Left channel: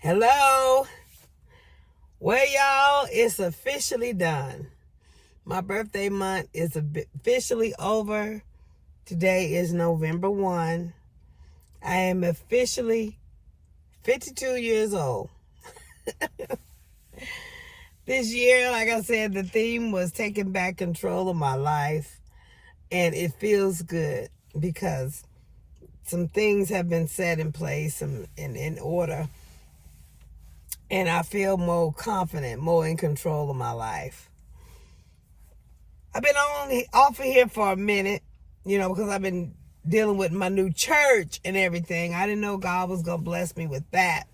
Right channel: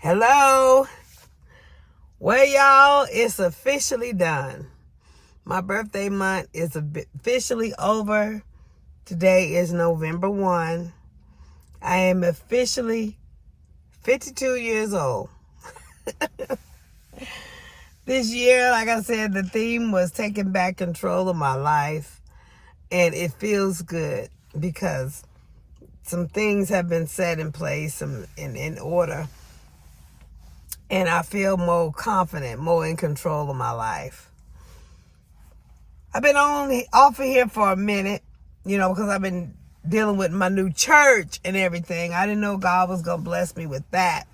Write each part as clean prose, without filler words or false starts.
Hello. Well, y'all, it's officially done. My birthday month is officially over. Today is November 1. I am officially 52 years old. This year, like I said, the theme was taking back control of my life. And it feels good because some things have been set in place and in order. And I feel more confident, more in control of my life. I've been off of here for a minute, because I've been dealing with my new church and everything. I didn't know God was going to bless me with that.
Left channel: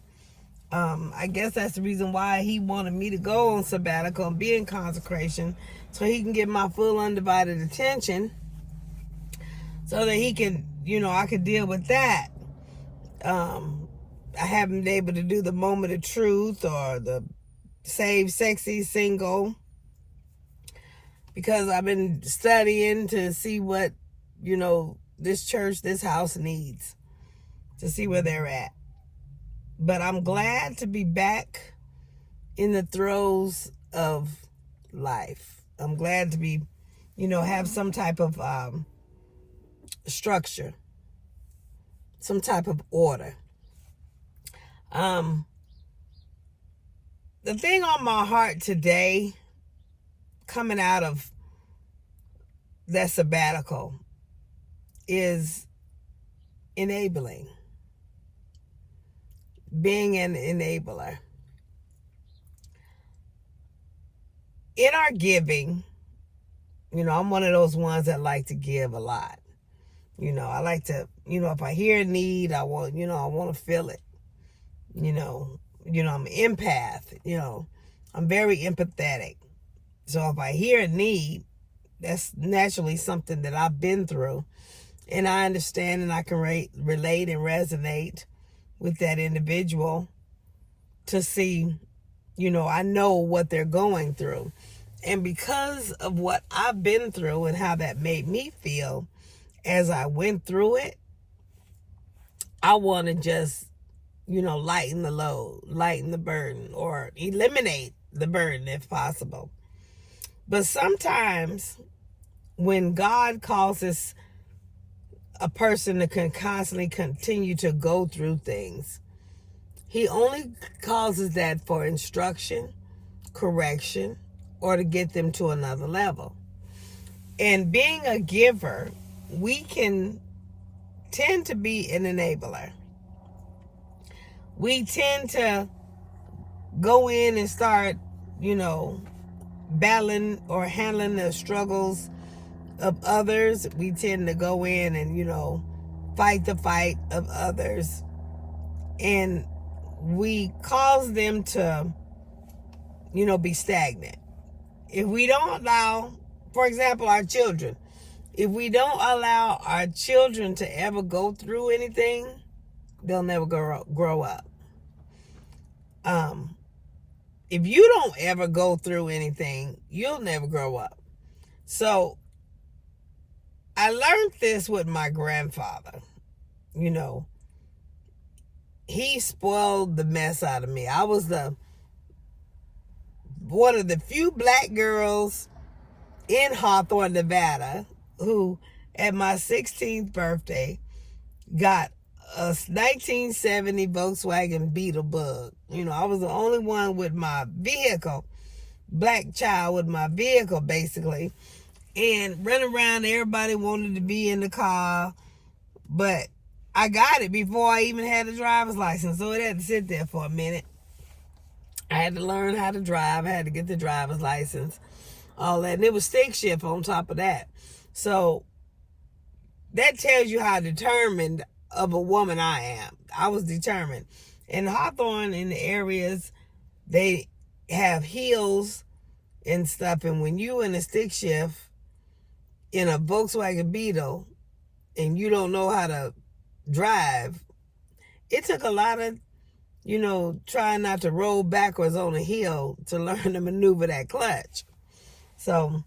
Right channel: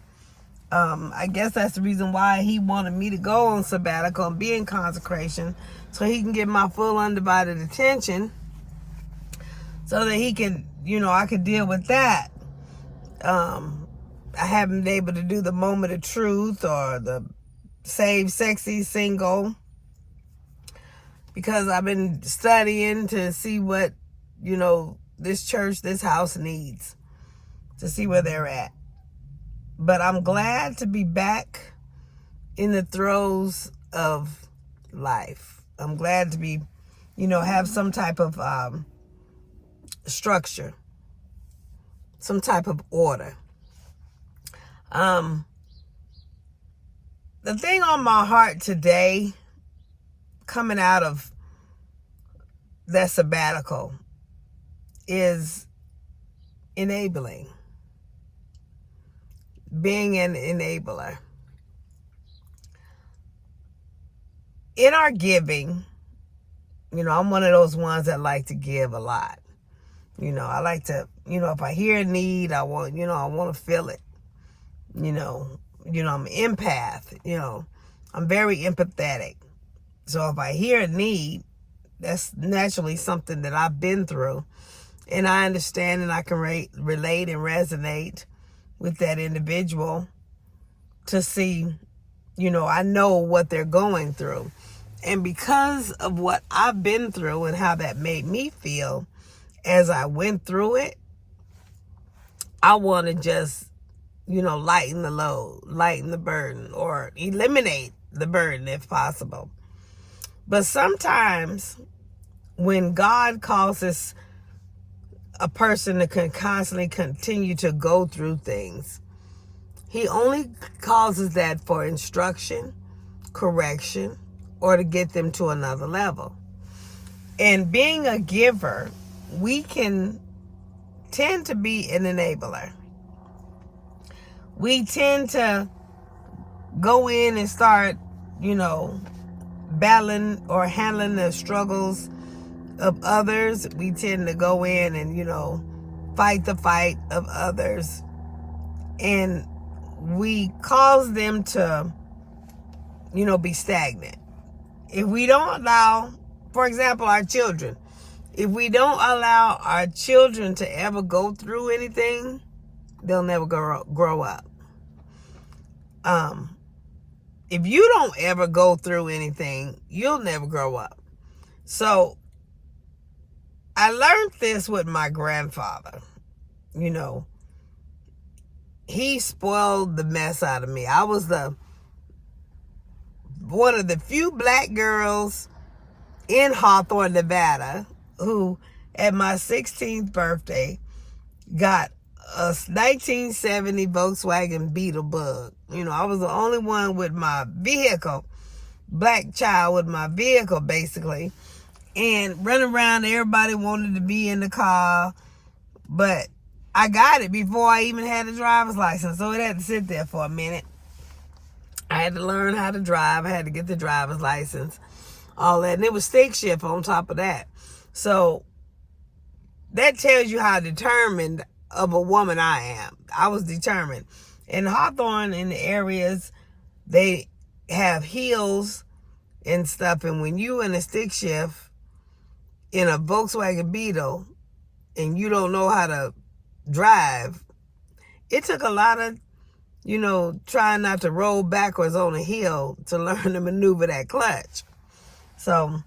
I guess that's the reason why he wanted me to go on sabbatical and be in consecration, so he can get my full undivided attention, so that he can, I could deal with that. I haven't been able to do the moment of truth or the save sexy single because I've been studying to see what, this church, this house needs, to see where they're at. But I'm glad to be back in the throes of life. I'm glad to be, have some type of structure, some type of order. The thing on my heart today, coming out of that sabbatical, is enabling. Being an enabler. In our giving, I'm one of those ones that like to give a lot. I like to, if I hear a need, I want to feel it. I'm an empath, I'm very empathetic. So if I hear a need, that's naturally something that I've been through. And I understand and I can relate and resonate with that individual to see, I know what they're going through. And because of what I've been through and how that made me feel as I went through it, I want to just, lighten the load, lighten the burden, or eliminate the burden if possible. But sometimes when God causes a person to constantly continue to go through things, he only causes that for instruction, correction, or to get them to another level. And being a giver, we can tend to be an enabler. We tend to go in and start, battling or handling the struggles of others. We tend to go in and, fight the fight of others. And we cause them to, be stagnant. If we don't allow, for example, our children, if we don't allow our children to ever go through anything, they'll never grow up. If you don't ever go through anything, you'll never grow up. So I learned this with my grandfather. He spoiled the mess out of me. I was one of the few black girls in Hawthorne, Nevada, who at my 16th birthday got a 1970 Volkswagen Beetle Bug. I was the only one with my vehicle, black child with my vehicle basically, and running around, everybody wanted to be in the car, but I got it before I even had a driver's license, so it had to sit there for a minute. I had to learn how to drive. I had to get the driver's license, all that, and it was stick shift on top of that. So that tells you how determined of a woman I am. I was determined. In Hawthorne, in the areas, they have hills and stuff, and when you in a stick shift in a Volkswagen Beetle and you don't know how to drive, it took a lot of, trying not to roll backwards on a hill to learn to maneuver that clutch. So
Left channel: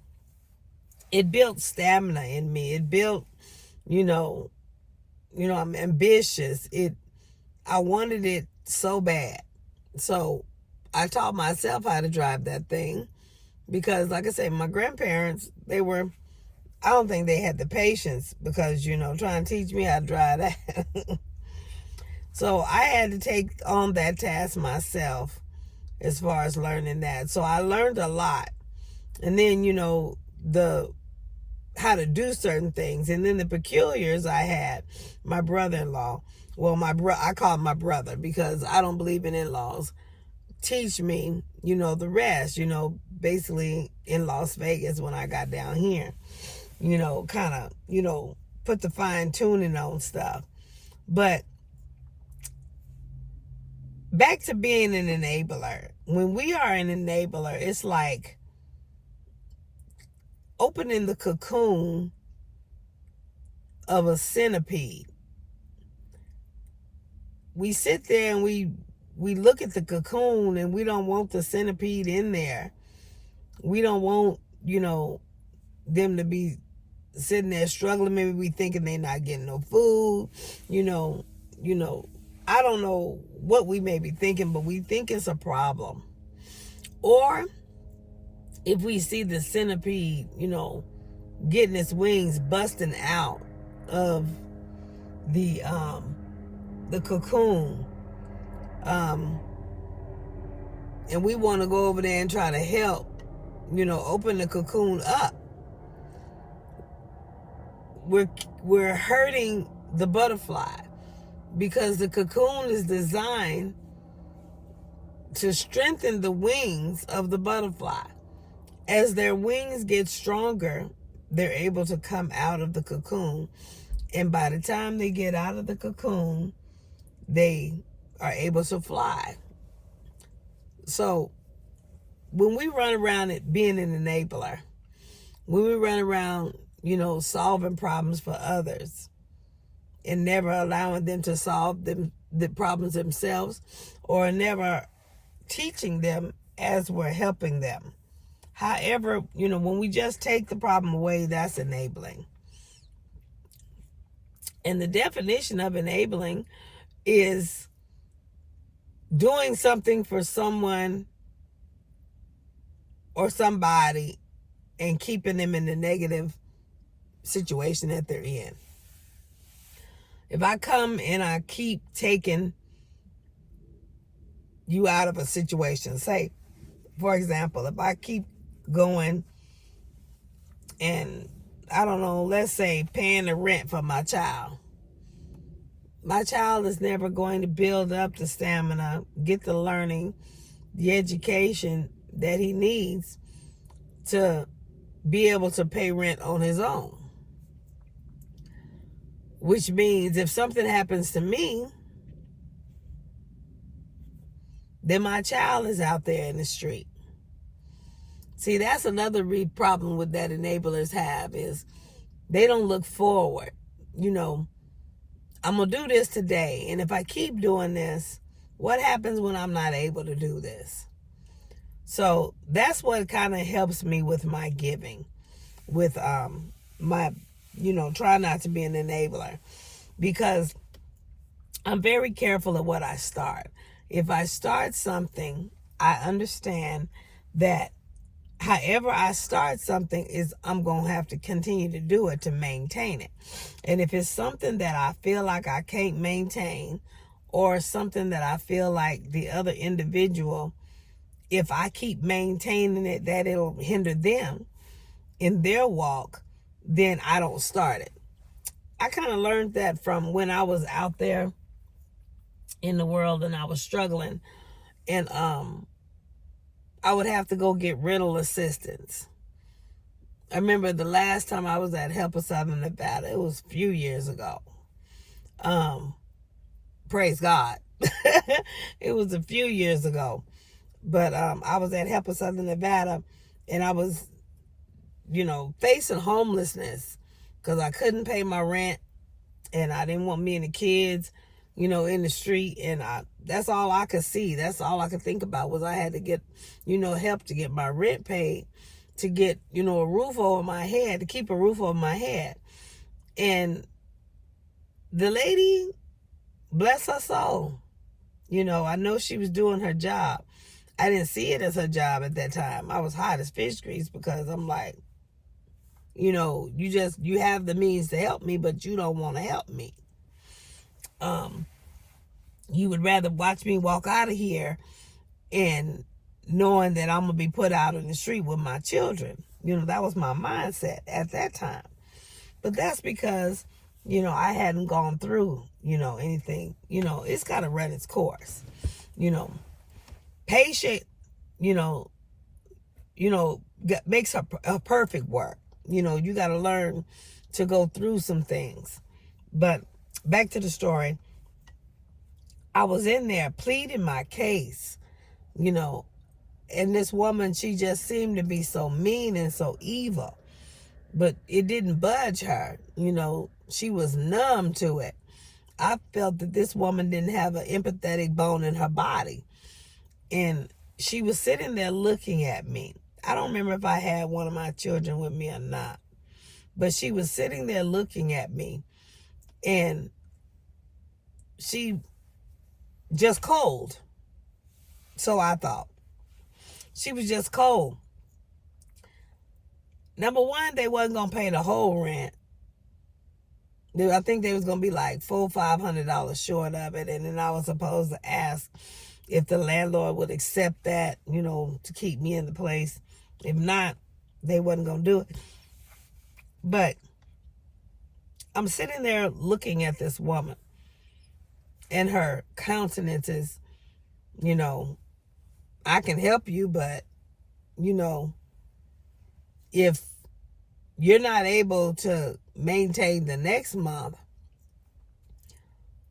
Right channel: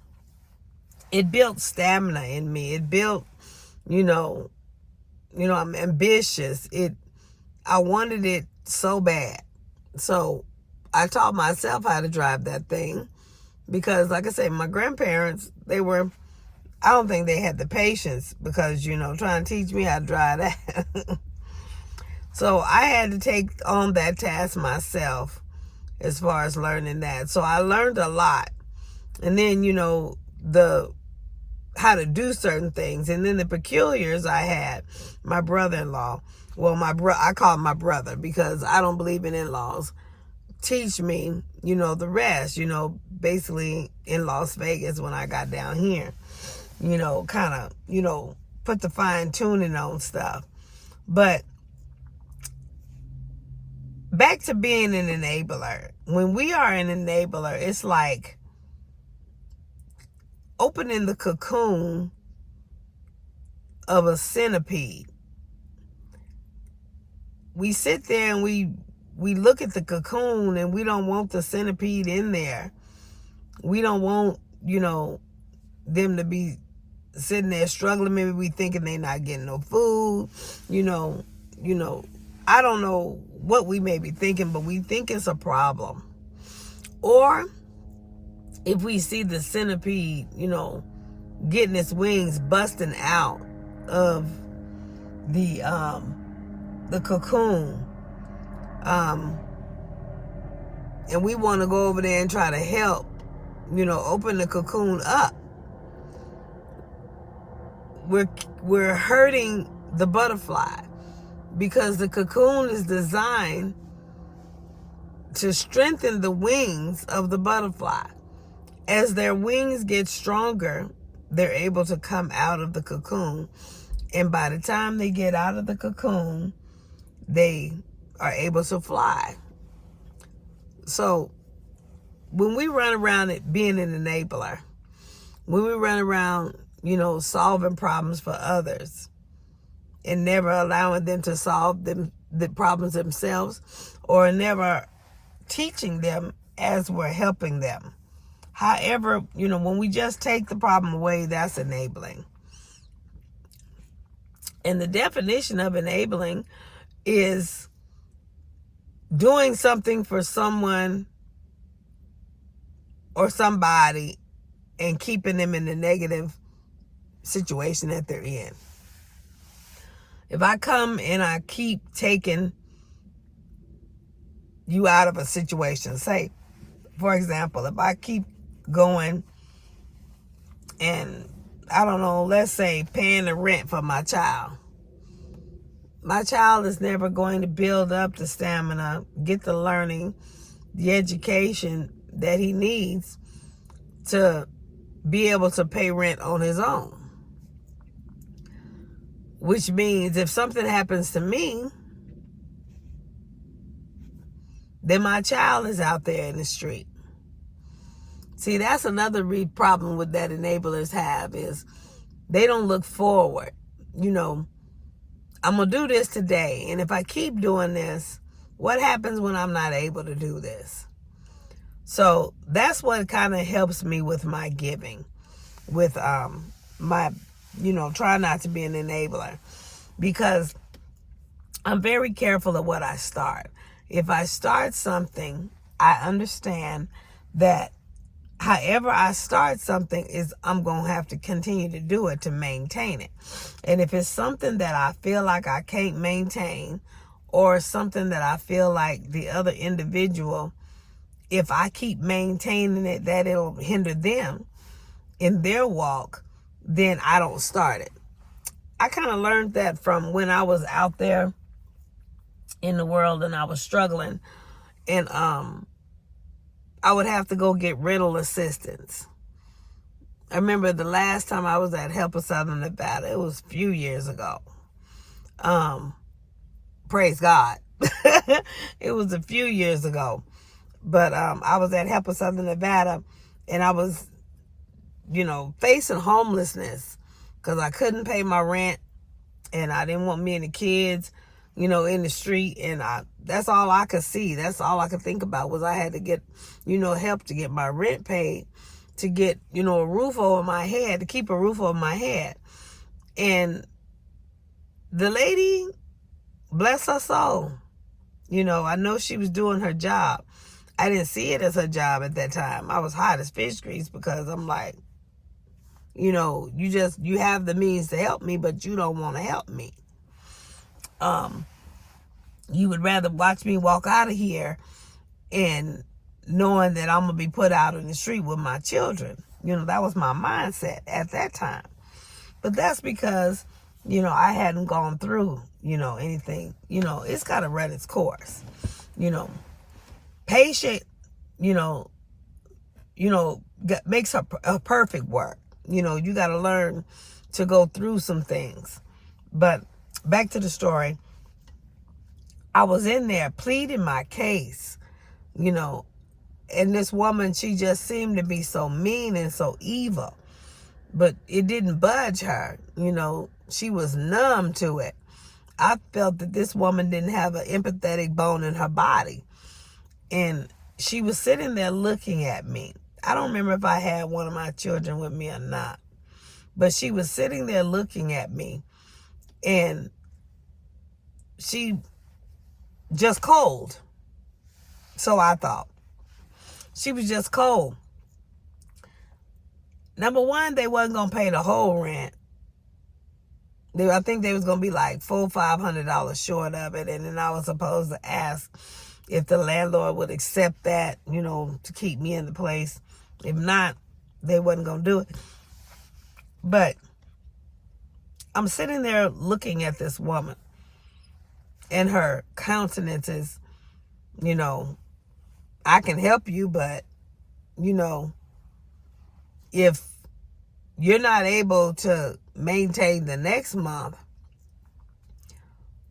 it built stamina in me. It built, I'm ambitious. I wanted it so bad. So I taught myself how to drive that thing because, like I said, my grandparents, I don't think they had the patience because, trying to teach me how to drive that. So I had to take on that task myself as far as learning that. So I learned a lot. And then, the how to do certain things. And then the peculiars I had, my brother-in-law, well, I call him my brother because I don't believe in in-laws, teach me, the rest, basically in Las Vegas when I got down here, kind of, put the fine tuning on stuff. But back to being an enabler. When we are an enabler, it's like opening the cocoon of a centipede. We sit there and we look at the cocoon and we don't want the centipede in there. We don't want, them to be sitting there struggling. Maybe we thinking they're not getting no food. I don't know what we may be thinking, but we think it's a problem. Or if we see the centipede, getting its wings busting out of the cocoon, and we want to go over there and try to help, open the cocoon up, we're hurting the butterfly because the cocoon is designed to strengthen the wings of the butterfly. As their wings get stronger, they're able to come out of the cocoon. And by the time they get out of the cocoon, they are able to fly. So when we run around it being an enabler, when we run around, solving problems for others and never allowing them to solve the problems themselves, or never teaching them as we're helping them. However, when we just take the problem away, that's enabling. And the definition of enabling is doing something for someone or somebody and keeping them in the negative situation that they're in. If I come and I keep taking you out of a situation, say, for example, if I keep going and, I don't know, let's say paying the rent for my child is never going to build up the stamina, get the learning, the education that he needs to be able to pay rent on his own. Which means if something happens to me, then my child is out there in the street. See, that's another problem with that enablers have, is they don't look forward. I'm going to do this today, and if I keep doing this, what happens when I'm not able to do this? So that's what kind of helps me with my giving, with my, try not to be an enabler, because I'm very careful of what I start. If I start something, I understand that however I start something is I'm going to have to continue to do it to maintain it. And if it's something that I feel like I can't maintain, or something that I feel like the other individual, if I keep maintaining it, that it'll hinder them in their walk, then I don't start it. I kind of learned that from when I was out there in the world and I was struggling, and I would have to go get rental assistance. I remember the last time I was at Help of Southern Nevada, it was a few years ago. Praise God. It was a few years ago. But I was at Help of Southern Nevada, and I was, facing homelessness because I couldn't pay my rent, and I didn't want me and the kids, in the street, and that's all I could see. That's all I could think about was I had to get, help to get my rent paid, to get, a roof over my head, to keep a roof over my head. And the lady, bless her soul, You know, I know she was doing her job. I didn't see it as her job at that time. I was hot as fish grease because I'm like, you know, you have the means to help me, but you don't want to help me. You would rather watch me walk out of here and knowing that I'm going to be put out in the street with my children. You know, that was my mindset at that time. But that's because, you know, I hadn't gone through, you know, anything. You know, it's got to run its course. You know, patient, you know, makes a perfect work. You know, you got to learn to go through some things. But back to the story. I was in there pleading my case, you know, and this woman, she just seemed to be so mean and so evil. But it didn't budge her. You know, she was numb to it. I felt that this woman didn't have an empathetic bone in her body. And she was sitting there looking at me. I don't remember if I had one of my children with me or not. But she was sitting there looking at me. And she just cold. So I thought. She was just cold. Number one, they wasn't going to pay the whole rent. I think they was going to be like $400-500 short of it. And then I was supposed to ask if the landlord would accept that, you know, to keep me in the place. If not, they wasn't going to do it. But I'm sitting there looking at this woman. And her countenance is, you know, I can help you, but, you know, if you're not able to maintain the next month,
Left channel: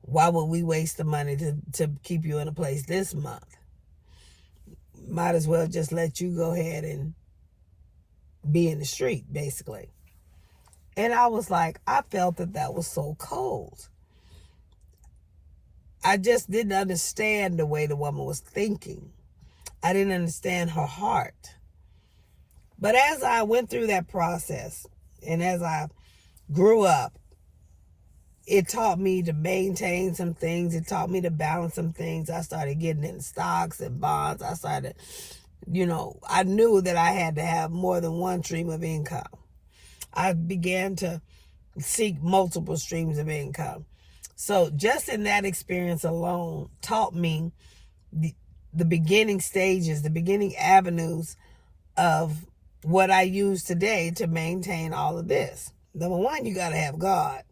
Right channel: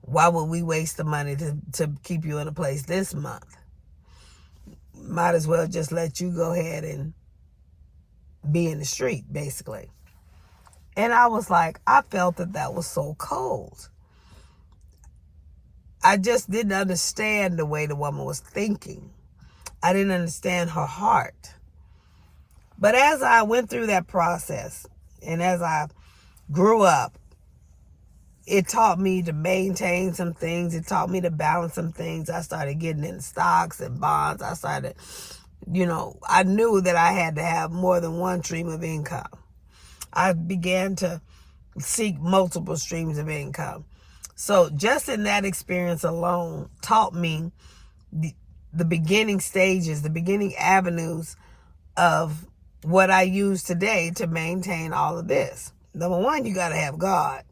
why would we waste the money to keep you in a place this month? Might as well just let you go ahead and be in the street, basically. And I was like, I felt that was so cold. I just didn't understand the way the woman was thinking. I didn't understand her heart. But as I went through that process and as I grew up, it taught me to maintain some things. It taught me to balance some things. I started getting in stocks and bonds. I started, you know, I knew that I had to have more than one stream of income. I began to seek multiple streams of income. So just in that experience alone taught me the beginning stages, the beginning avenues of what I use today to maintain all of this. Number one, you got to have God.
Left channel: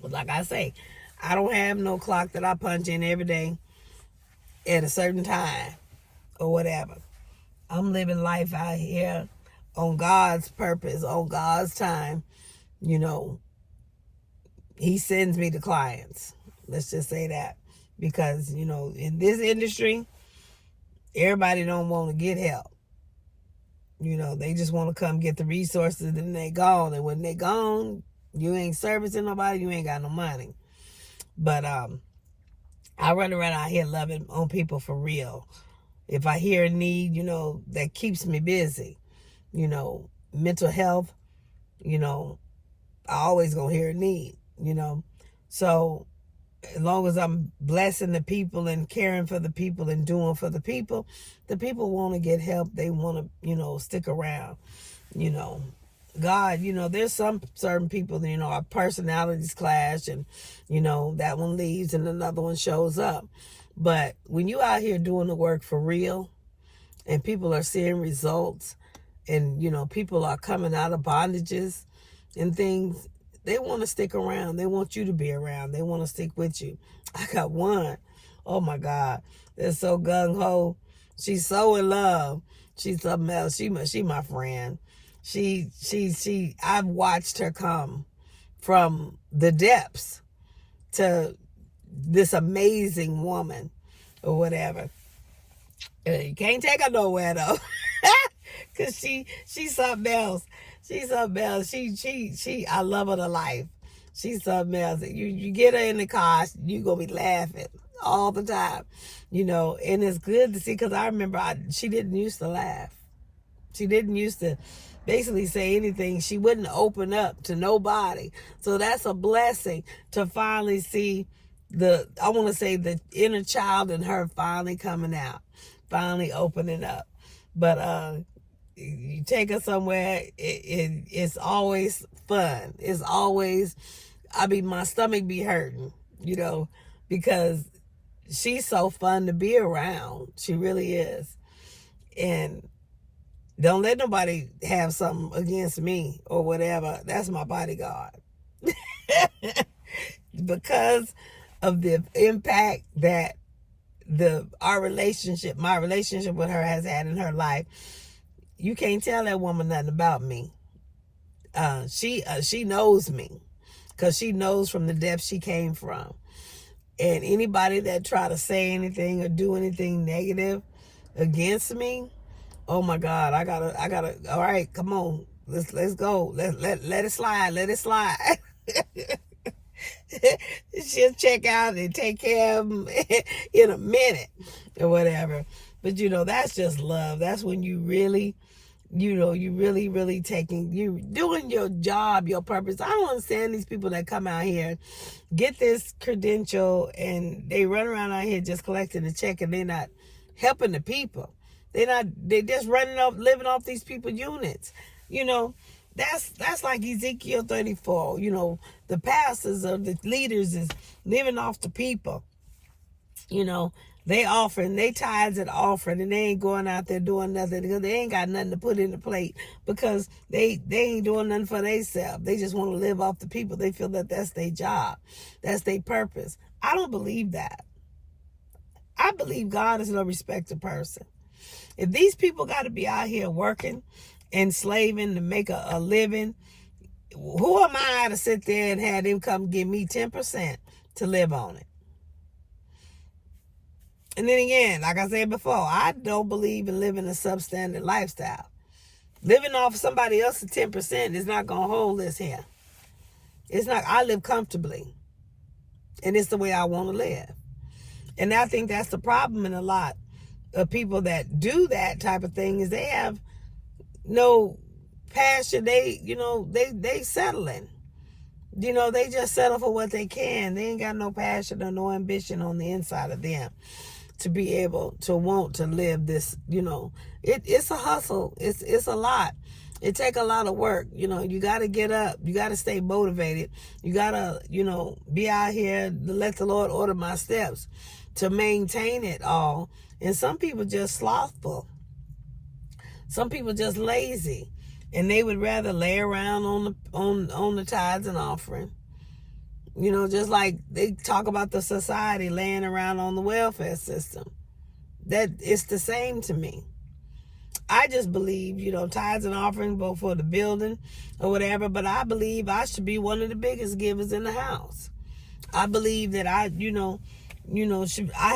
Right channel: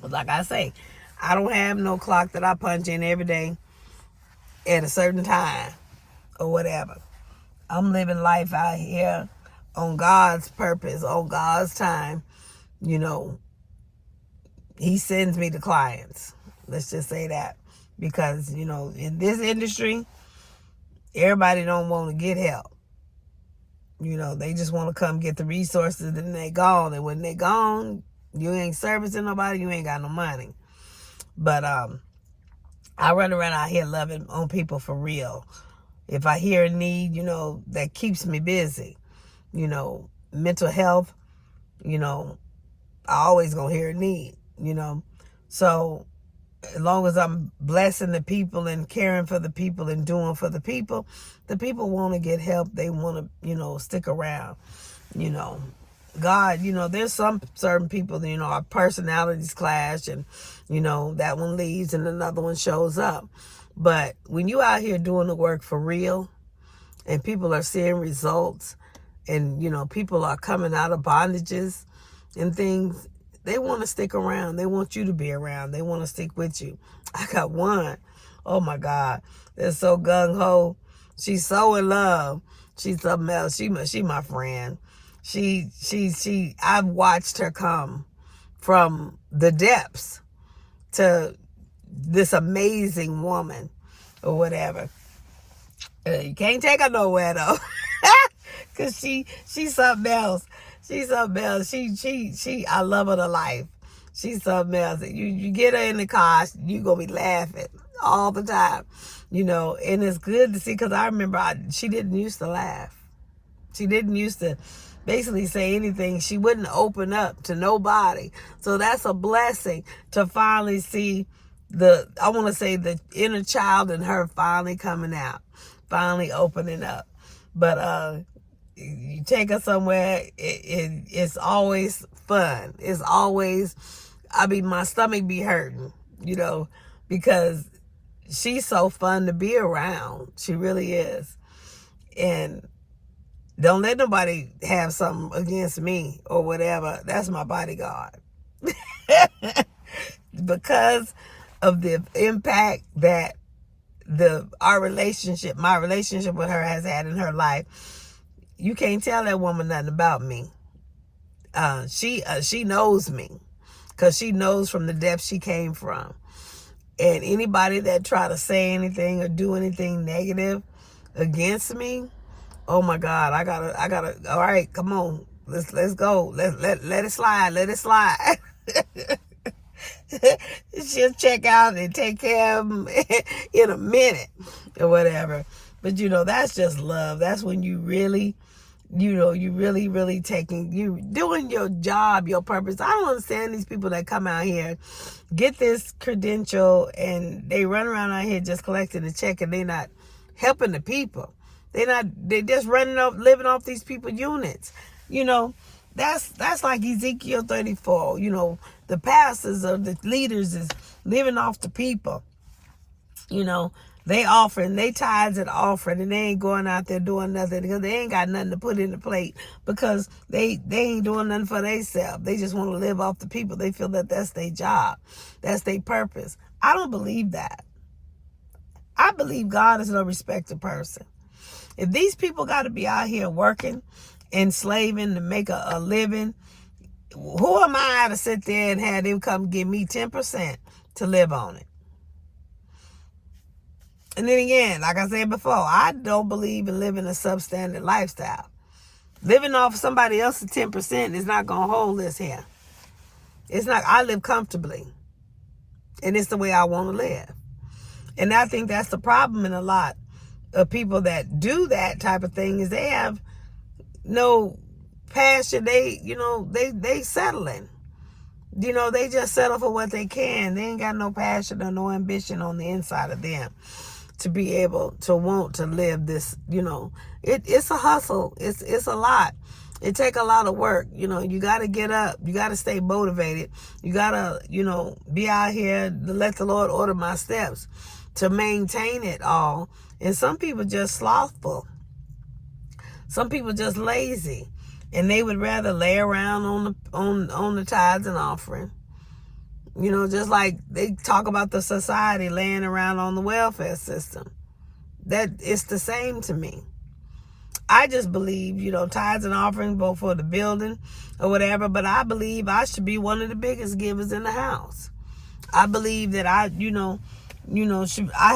Like I say, I don't have no clock that I punch in every day at a certain time or whatever. I'm living life out here on God's purpose, on God's time. You know, He sends me the clients. Let's just say that. Because, you know, in this industry, everybody don't want to get help. You know, they just want to come get the resources and they gone. And when they gone, you ain't servicing nobody, you ain't got no money. But I run around out here loving on people for real. If I hear a need, you know, that keeps me busy. You know, mental health, you know, I always gonna hear a need, you know. So as long as I'm blessing the people and caring for the people and doing for the people want to get help. They want to, you know, stick around, you know. God, you know, there's some certain people, you know, our personalities clash and, you know, that one leaves and another one shows up. But when you out here doing the work for real and people are seeing results and, you know, people are coming out of bondages and things, they want to stick around. They want you to be around. They want to stick with you. I got one. Oh my God. They're so gung-ho. She's so in love. She's something else. She my friend. I've watched her come from the depths to this amazing woman or whatever. You can't take her nowhere though. Cause she's something else. She's something else. I love her to life. She's something else. You get her in the car, you gonna be laughing all the time, you know. And it's good to see, because I remember she didn't used to laugh. She didn't used to basically say anything. She wouldn't open up to nobody. So that's a blessing to finally see I want to say the inner child in her finally coming out, finally opening up. But you take her somewhere, it's always fun. It's always, I mean, my stomach be hurting, because she's so fun to be around. She really is. And don't let nobody have something against me or whatever. That's my bodyguard. Because of the impact that my relationship with her has had in her life, you can't tell that woman nothing about me. She knows me, because she knows from the depths she came from. And anybody that try to say anything or do anything negative against me, oh my God, I gotta. All right, come on, let's go. Let it slide. She'll check out and take care of them in a minute or whatever. But that's just love. That's when you really, you really doing your job, your purpose. I don't understand these people that come out here, get this credential, and they run around out here just collecting a check, and they're not helping the people. They're just living off these people units. That's like Ezekiel 34. The pastors or the leaders is living off the people. They offering, they tithes and offering, and they ain't going out there doing nothing because they ain't got nothing to put in the plate, because they ain't doing nothing for themselves. They just want to live off the people. They feel that that's their job. That's their purpose. I don't believe that. I believe God is no respecter person. If these people got to be out here working and slaving to make a living, who am I to sit there and have them come give me 10% to live on it? And then again, like I said before, I don't believe in living a substandard lifestyle. Living off somebody else's 10% is not going to hold this here. It's not. I live comfortably. And it's the way I want to live. And I think that's the problem in a lot of people that do that type of thing, is they have no passion. They settling. They just settle for what they can. They ain't got no passion or no ambition on the inside of them to be able to want to live this. It's a hustle. It's a lot. It take a lot of work. You got to get up. You got to stay motivated. You got to, be out here to let the Lord order my steps to maintain it all. And some people just slothful. Some people just lazy, and they would rather lay around on the tithes and offering. Just like they talk about the society laying around on the welfare system. That it's the same to me. I just believe, tithes and offerings go for the building or whatever, but I believe I should be one of the biggest givers in the house. I believe that I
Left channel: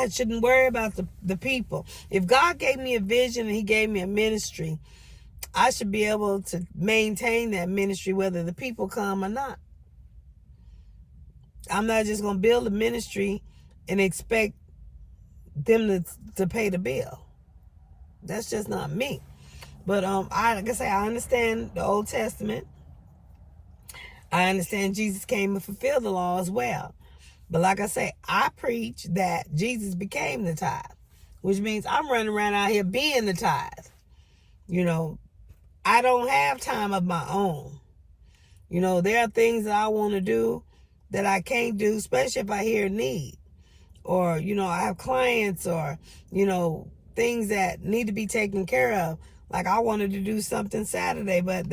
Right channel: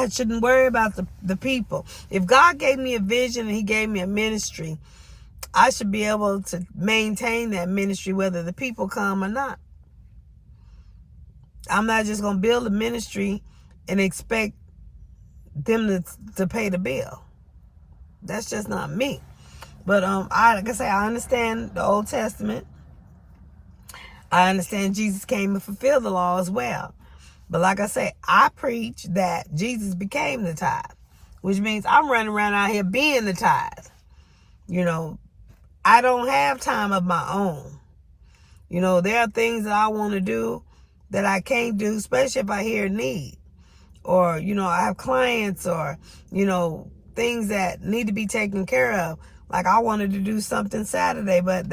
shouldn't worry about the people. If God gave me a vision and he gave me a ministry, I should be able to maintain that ministry whether the people come or not. I'm not just going to build a ministry and expect them to pay the bill. That's just not me. But like I say, I understand the Old Testament. I understand Jesus came and fulfilled the law as well. But like I say, I preach that Jesus became the tithe, which means I'm running around out here being the tithe. I don't have time of my own. There are things that I want to do that I can't do, especially if I hear a need. Or, I have clients or, things that need to be taken care of. Like I wanted to do something Saturday, but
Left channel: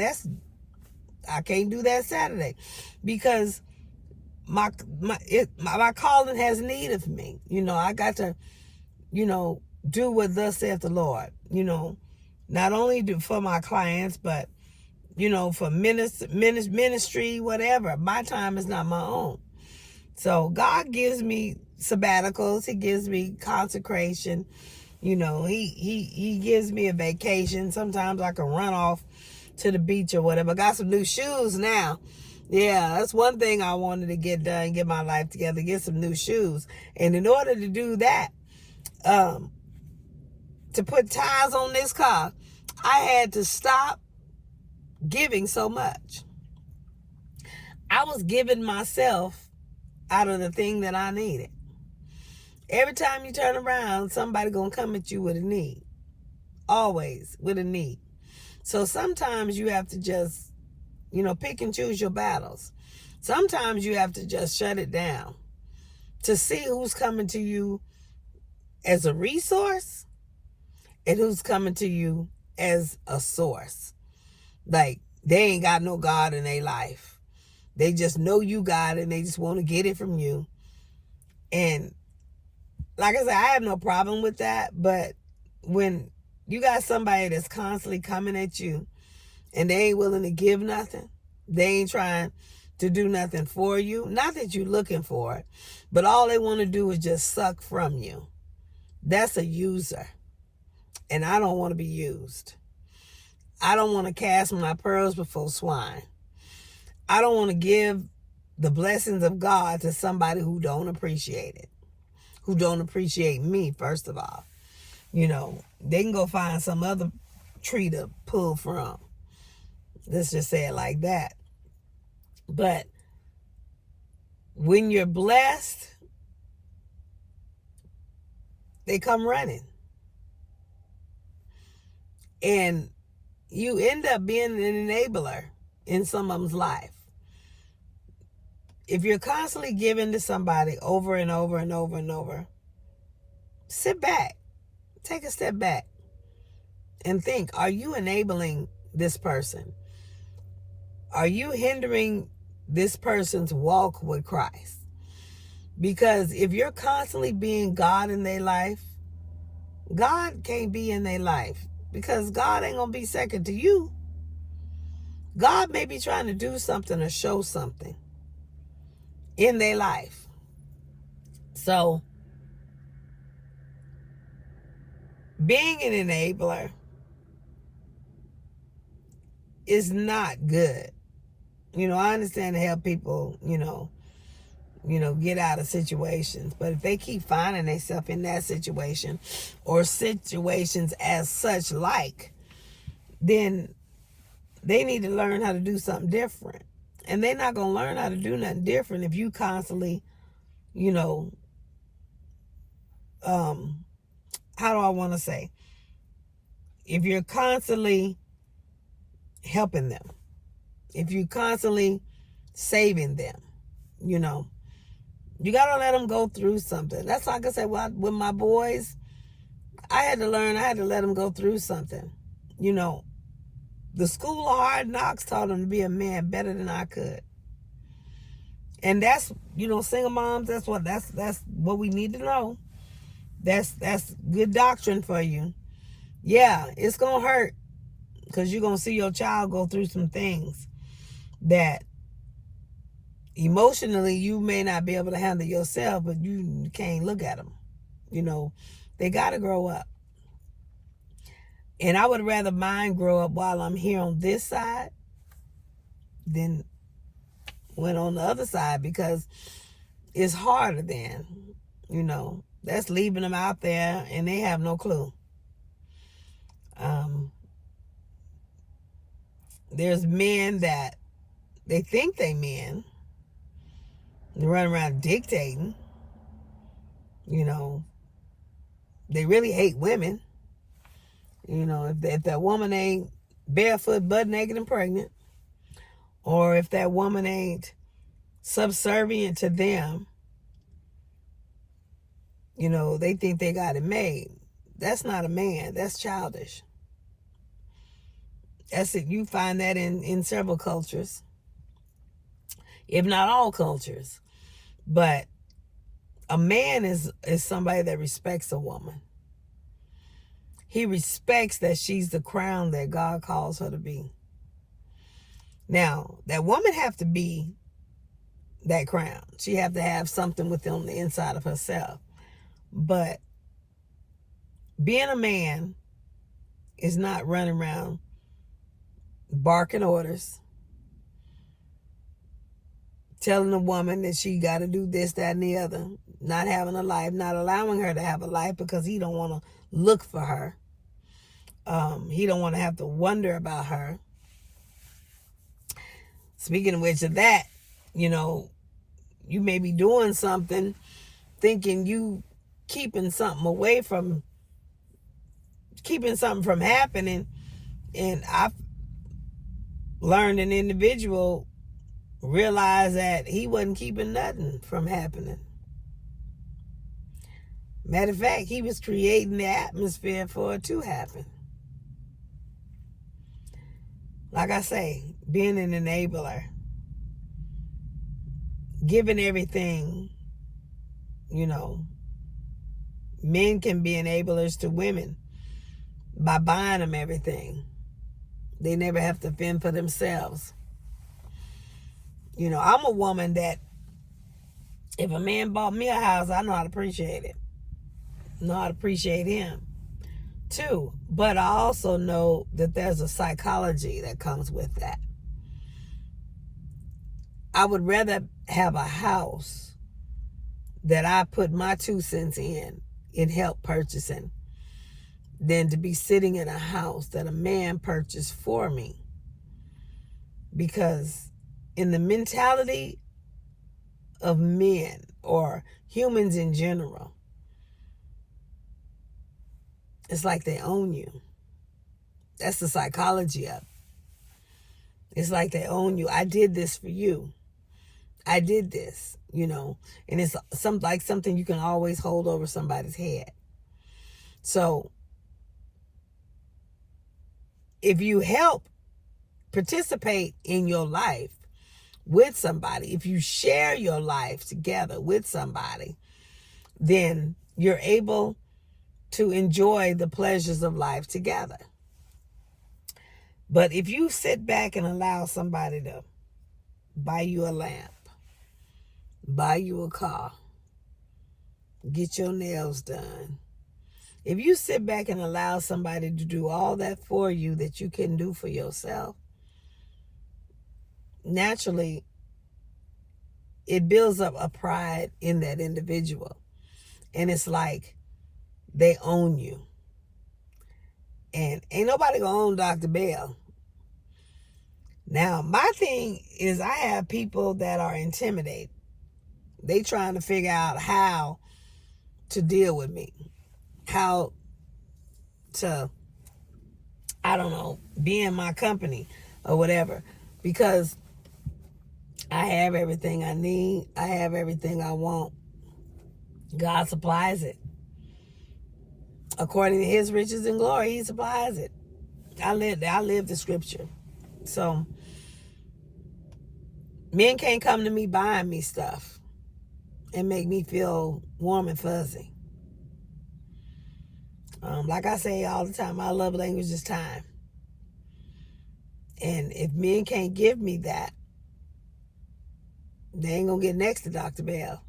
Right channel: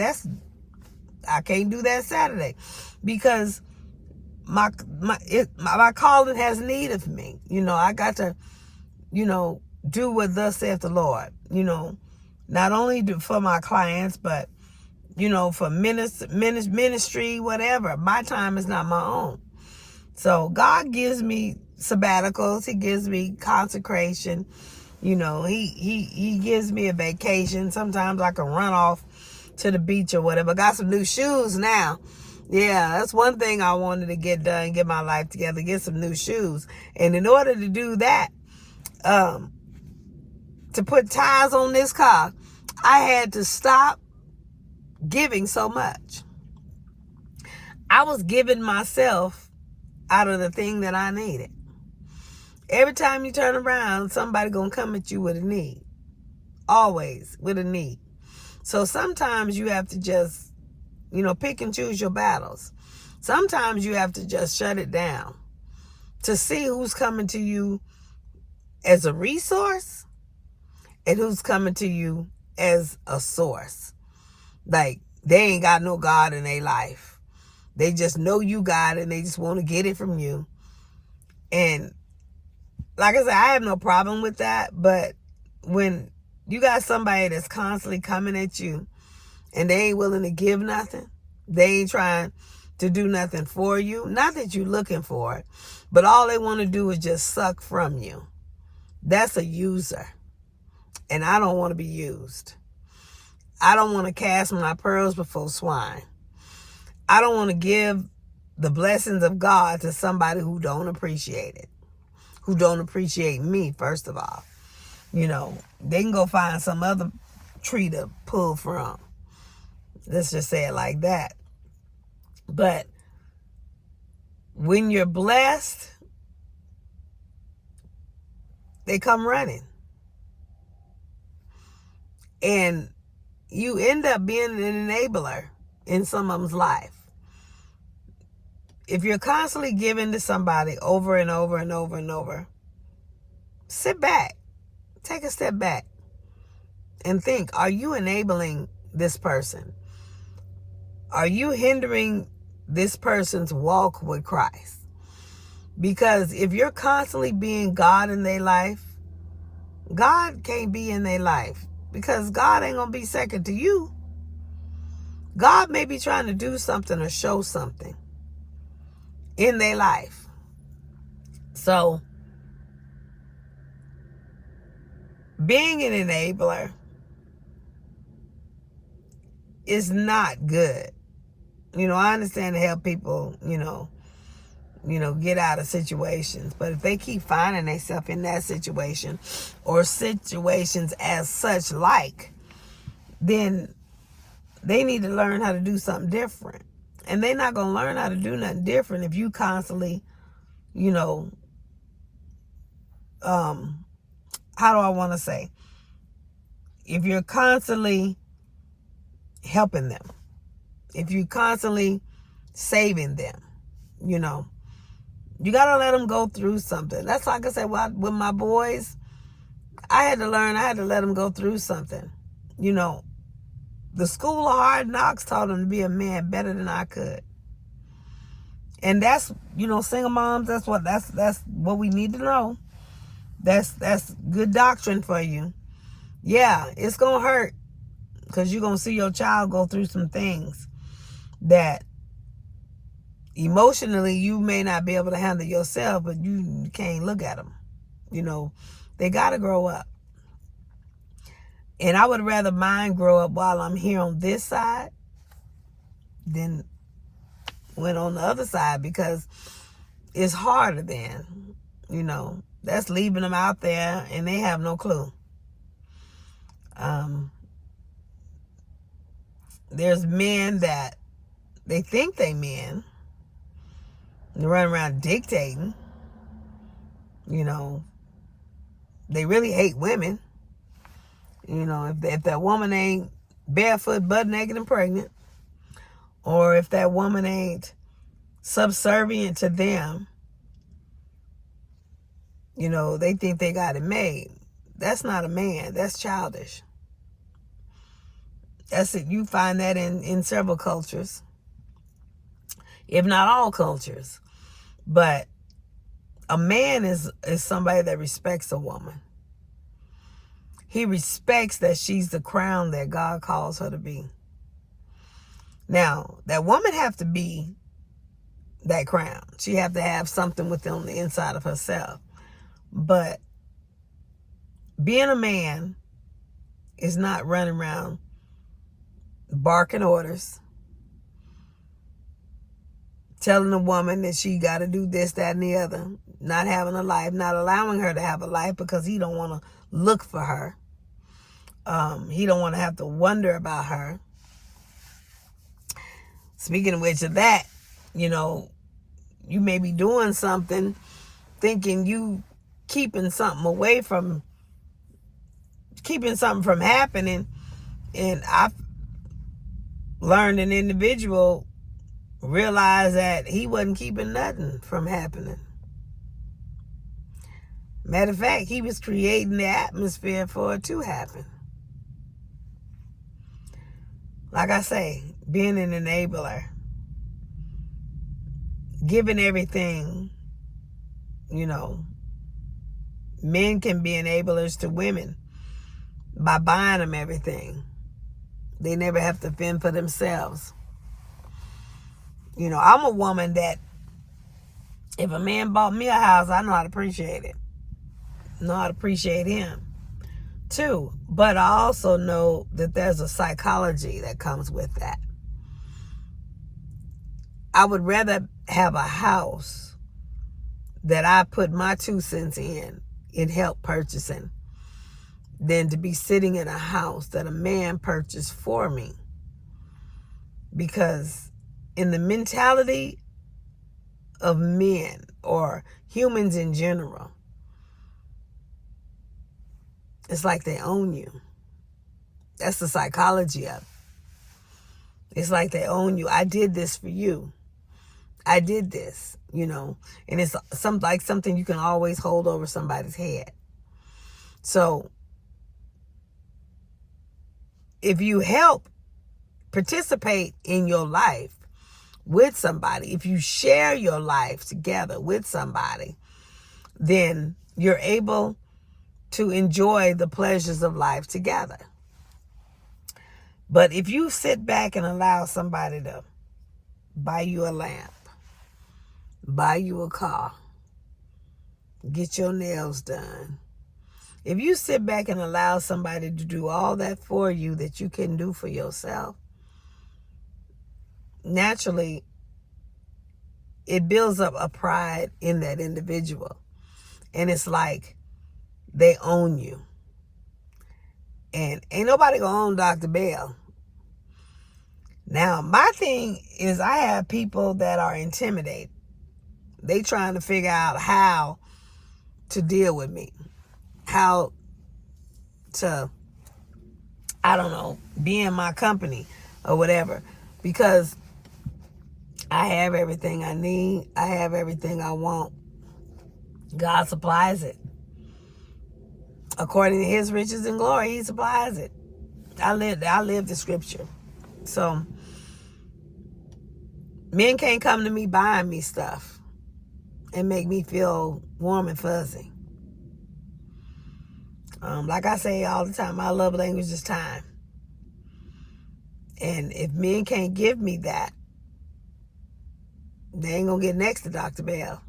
I can't do that Saturday because my calling has need of me. I got to, do what thus saith the Lord. Not only for my clients, but for ministry, whatever. My time is not my own. So God gives me sabbaticals. He gives me consecration. He gives me a vacation. Sometimes I can run off to the beach or whatever. Got some new shoes now. Yeah, that's one thing I wanted to get done, get my life together, get some new shoes. And in order to do that, to put tires on this car, I had to stop giving so much. I was giving myself out of the thing that I needed. Every time you turn around, somebody gonna come at you with a need. Always with a need. So sometimes you have to just, pick and choose your battles. Sometimes you have to just shut it down to see who's coming to you as a resource and who's coming to you as a source. Like, they ain't got no God in their life. They just know you got it and they just want to get it from you. And like I said, I have no problem with that. But when you got somebody that's constantly coming at you and they ain't willing to give nothing, they ain't trying to do nothing for you, not that you're looking for it, but all they want to do is just suck from you. That's a user. And I don't want to be used. I don't want to cast my pearls before swine. I don't want to give the blessings of God to somebody who don't appreciate it, who don't appreciate me, first of all. They can go find some other tree to pull from. Let's just say it like that. But when you're blessed, they come running. And you end up being an enabler in some of them's life. If you're constantly giving to somebody over and over and over and over, sit back. Take a step back and think, are you enabling this person? Are you hindering this person's walk with Christ? Because if you're constantly being God in their life, God can't be in their life because God ain't going to be second to you. God may be trying to do something or show something in their life. So, being an enabler is not good. I understand to help people, get out of situations. But if they keep finding themselves in that situation or situations as such then they need to learn how to do something different. And they're not going to learn how to do nothing different if you constantly, how do I want to say? If you're constantly helping them, if you're constantly saving them, you got to let them go through something. That's like I said, with my boys, I had to let them go through something. The school of hard knocks taught them to be a man better than I could. And that's, single moms, that's what we need to know. That's good doctrine for you. Yeah, it's going to hurt because you're going to see your child go through some things that emotionally you may not be able to handle yourself, but you can't look at them. They got to grow up. And I would rather mine grow up while I'm here on this side than when on the other side, because it's harder then. That's leaving them out there and they have no clue. There's men that they think they men. They run around dictating. They really hate women. If that woman ain't barefoot, butt naked, and pregnant, or if that woman ain't subservient to them, they think they got it made. That's not a man. That's childish. That's it. You find that in several cultures, if not all cultures. But a man is somebody that respects a woman. He respects that she's the crown that God calls her to be. Now, that woman have to be that crown. She have to have something within the inside of herself. But being a man is not running around barking orders, telling a woman that she got to do this, that, and the other, not having a life, not allowing her to have a life because he don't want to look for her. He don't want to have to wonder about her. Speaking of which of that, you may be doing something thinking you keeping something from happening. And I've learned an individual realized that he wasn't keeping nothing from happening. Matter of fact, he was creating the atmosphere for it to happen. Like I say, being an enabler, giving everything, men can be enablers to women by buying them everything. They never have to fend for themselves. I'm a woman that if a man bought me a house, I know how to appreciate it. Know how to appreciate him too. But I also know that there's a psychology that comes with that. I would rather have a house that I put my 2 cents in help purchasing than to be sitting in a house that a man purchased for me. Because in the mentality of men or humans in general, it's like they own you. That's the psychology of it. It's like they own you. I did this for you. I did this, and it's something you can always hold over somebody's head. So if you help participate in your life with somebody, if you share your life together with somebody, then you're able to enjoy the pleasures of life together. But if you sit back and allow somebody to buy you a lamp, buy you a car, get your nails done, if you sit back and allow somebody to do all that for you that you couldn't do for yourself, naturally it builds up a pride in that individual. And it's like they own you. And ain't nobody gonna own Dr. Bell. Now, my thing is I have people that are intimidated. They trying to figure out how to deal with me. How to, be in my company or whatever. Because I have everything I need. I have everything I want. God supplies it. According to his riches and glory, he supplies it. I live the scripture. So men can't come to me buying me stuff and make me feel warm and fuzzy. Like I say all the time, my love language is time. And if men can't give me that, they ain't gonna get next to Dr. Bell.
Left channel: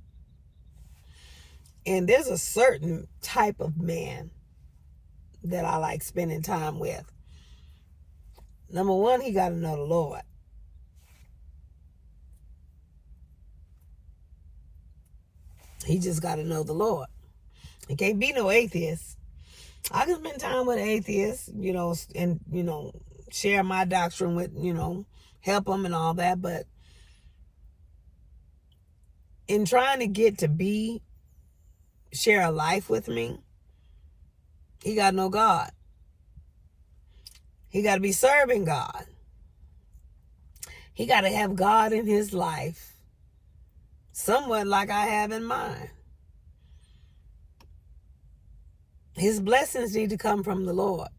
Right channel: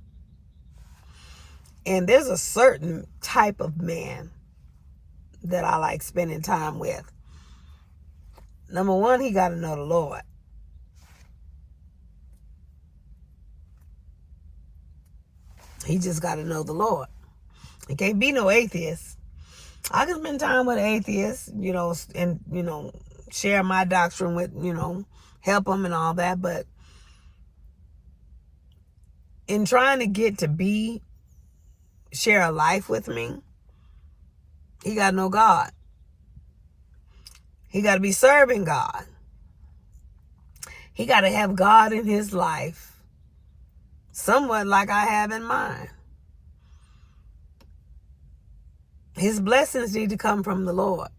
And there's a certain type of man that I like spending time with. Number one, he got to know the Lord. He just got to know the Lord. He can't be no atheist. I can spend time with atheists, and, share my doctrine with, help them and all that. But in trying to get to share a life with me, he got to know God. He got to be serving God. He got to have God in his life, somewhat like I have in mine. His blessings need to come from the Lord.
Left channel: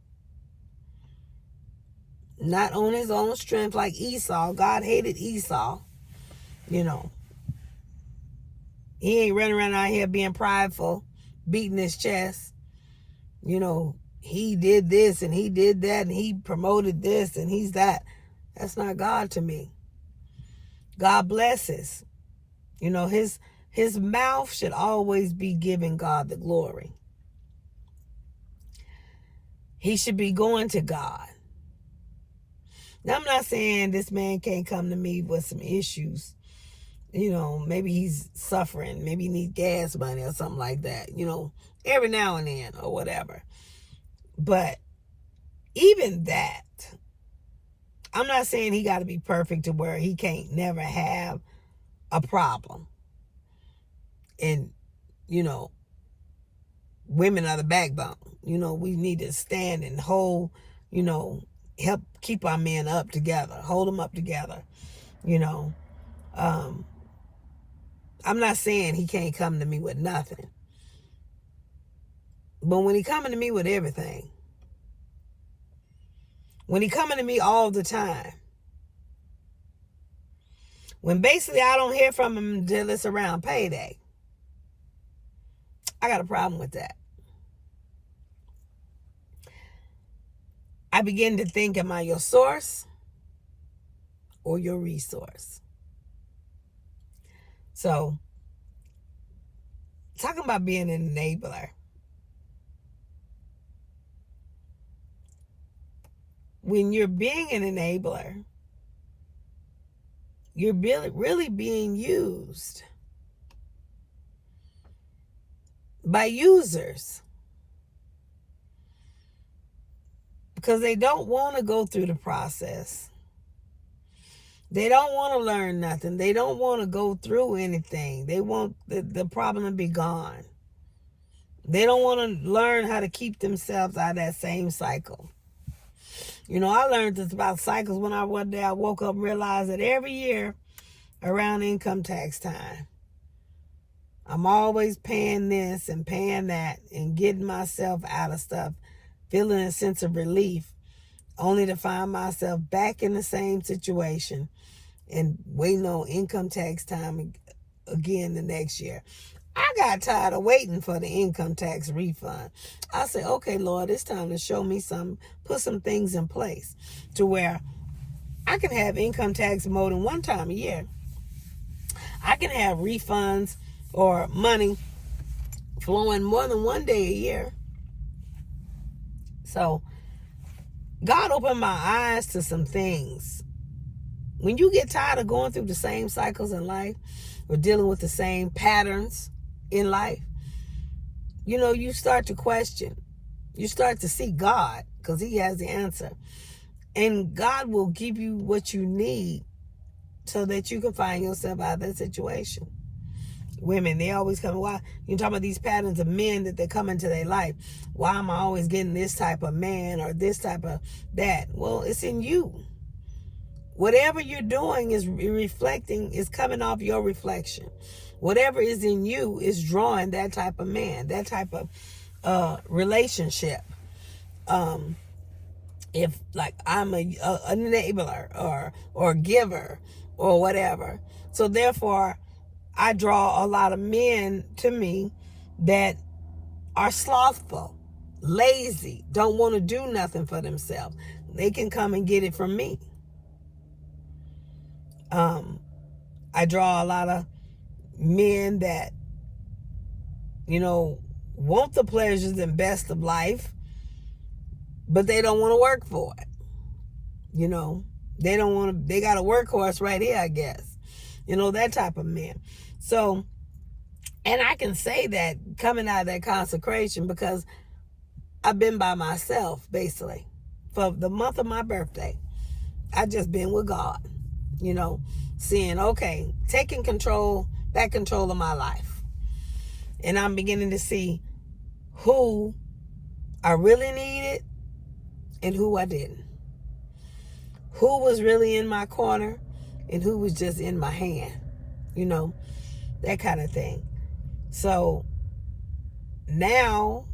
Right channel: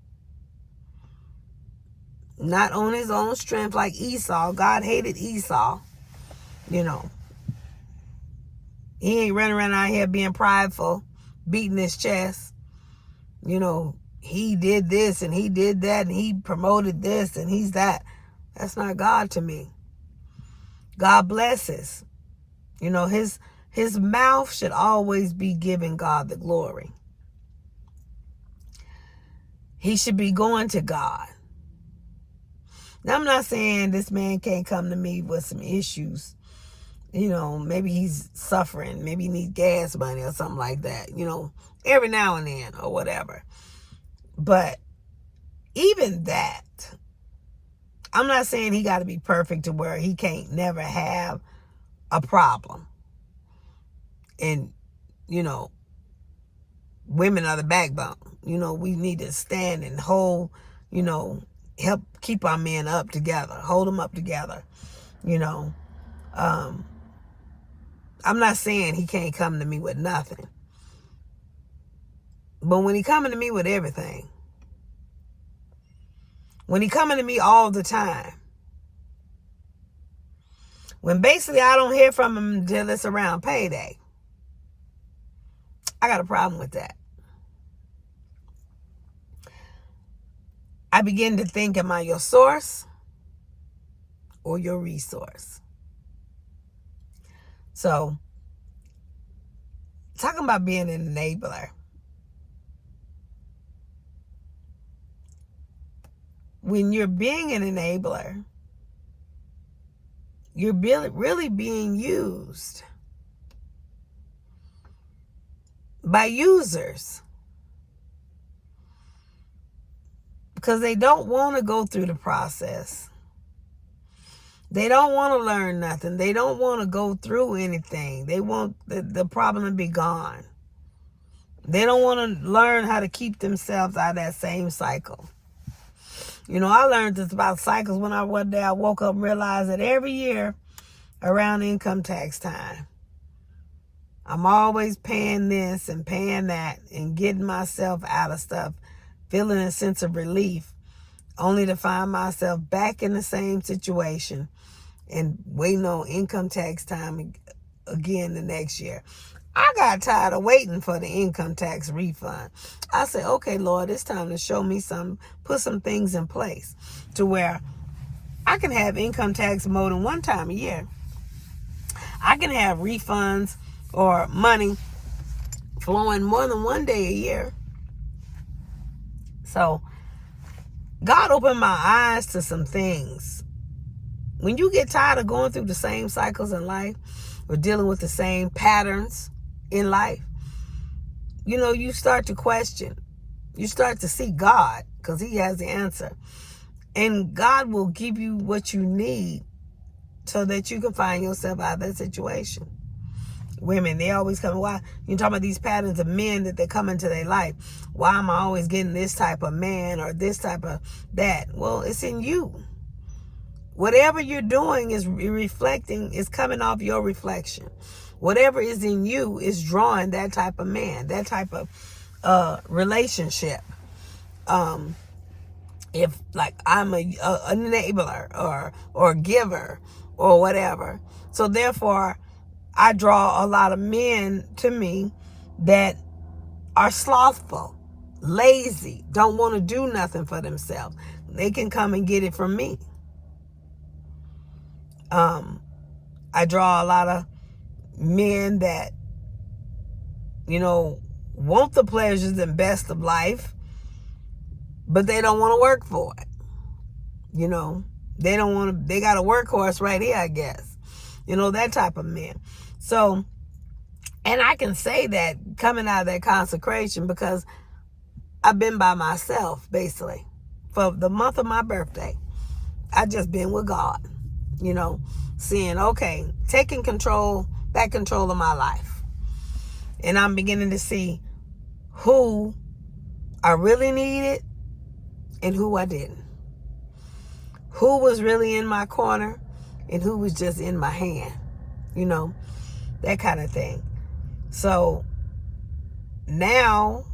Not on his own strength like Esau. God hated Esau. He ain't running around out here being prideful, beating his chest. He did this and he did that and he promoted this and he's that. That's not God to me. God blesses. His mouth should always be giving God the glory. He should be going to God. Now, I'm not saying this man can't come to me with some issues. Maybe he's suffering. Maybe he needs gas money or something like that. Every now and then or whatever. But even that, I'm not saying he got to be perfect to where he can't never have a problem. And, you know, women are the backbone. You know, we need to stand and hold, you know, help keep our men up together, hold them up together. You know, I'm not saying he can't come to me with nothing, but when he coming to me with everything, when he coming to me all the time, when basically I don't hear from him until it's around payday, I got a problem with that. I begin to think, am I your source or your resource? So, talking about being an enabler. When you're being an enabler, you're really being used by users because they don't want to go through the process. They don't want to learn nothing. They don't want to go through anything. They want the problem to be gone. They don't want to learn how to keep themselves out of that same cycle. You know, I learned this about cycles when one day I woke up and realized that every year around income tax time, I'm always paying this and paying that and getting myself out of stuff, feeling a sense of relief, only to find myself back in the same situation and waiting on income tax time again the next year. I got tired of waiting for the income tax refund. I said, okay, Lord, it's time to show me put some things in place to where I can have income tax more than one time a year. I can have refunds or money flowing more than one day a year. So God opened my eyes to some things. When you get tired of going through the same cycles in life or dealing with the same patterns in life, you know, you start to question. You start to see God because he has the answer. And God will give you what you need so that you can find yourself out of that situation. Women, they always come, why? You're talking about these patterns of men that they come into their life. Why am I always getting this type of man or this type of that? Well, it's in you. Whatever you're doing is reflecting, is coming off your reflection. Whatever is in you is drawing that type of man, that type of relationship. If like I'm a enabler or giver or whatever. So therefore, I draw a lot of men to me that are slothful, lazy, don't want to do nothing for themselves. They can come and get it from me. I draw a lot of men that, you know, want the pleasures and best of life, but they don't want to work for it. You know, they don't want to, they got a workhorse right here, I guess. You know, that type of men. So, and I can say that coming out of that consecration because I've been by myself, basically, for the month of my birthday. I just been with God, you know, seeing, okay, taking back control of my life. And I'm beginning to see who I really needed and who I didn't. Who was really in my corner and who was just in my hand, you know, that kind of thing. So now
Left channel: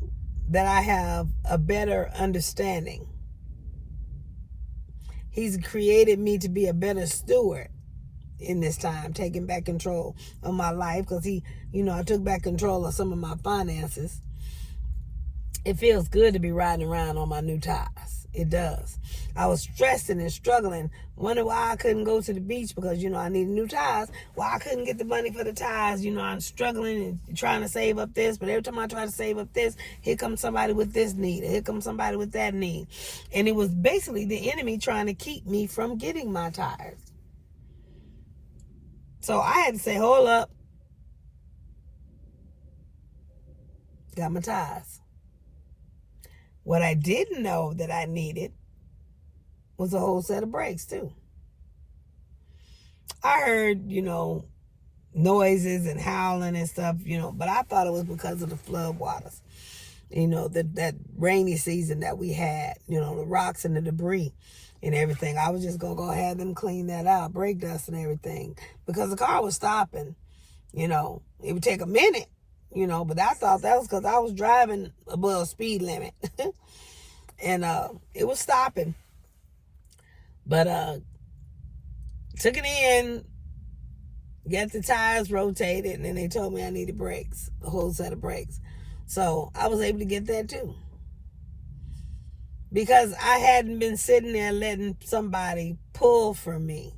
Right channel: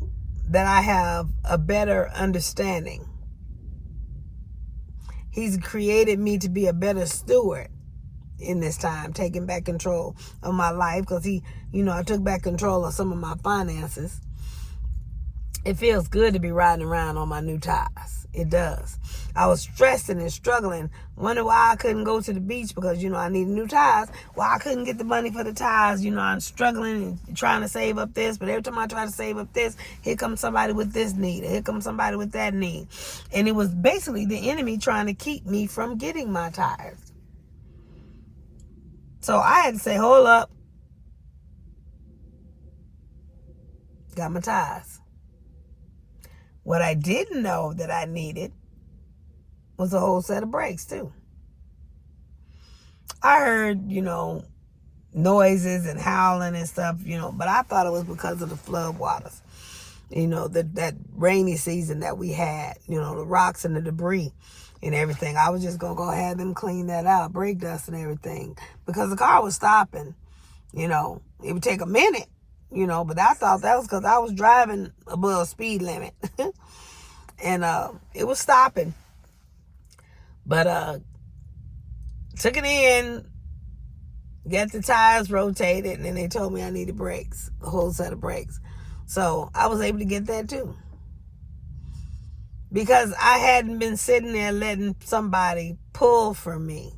that I have a better understanding, he's created me to be a better steward in this time, taking back control of my life because he, you know, I took back control of some of my finances. It feels good to be riding around on my new tires. It does. I was stressing and struggling, wondering why I couldn't go to the beach because, you know, I needed new tires. Why I couldn't get the money for the tires. You know, I'm struggling and trying to save up this, but every time I try to save up this, here comes somebody with this need. Here comes somebody with that need. And it was basically the enemy trying to keep me from getting my tires. So I had to say, hold up. Got my tires. What I didn't know that I needed was a whole set of brakes too. I heard, you know, noises and howling and stuff, but I thought it was because of the flood waters, that rainy season that we had, the rocks and the debris and everything. I was just going to go have them clean that out, brake dust and everything, because the car was stopping. It would take a minute, but I thought that was because I was driving above speed limit. And it was stopping. But took it in, got the tires rotated, and then they told me I needed brakes, a whole set of brakes. So I was able to get that too. Because I hadn't been sitting there letting somebody pull from me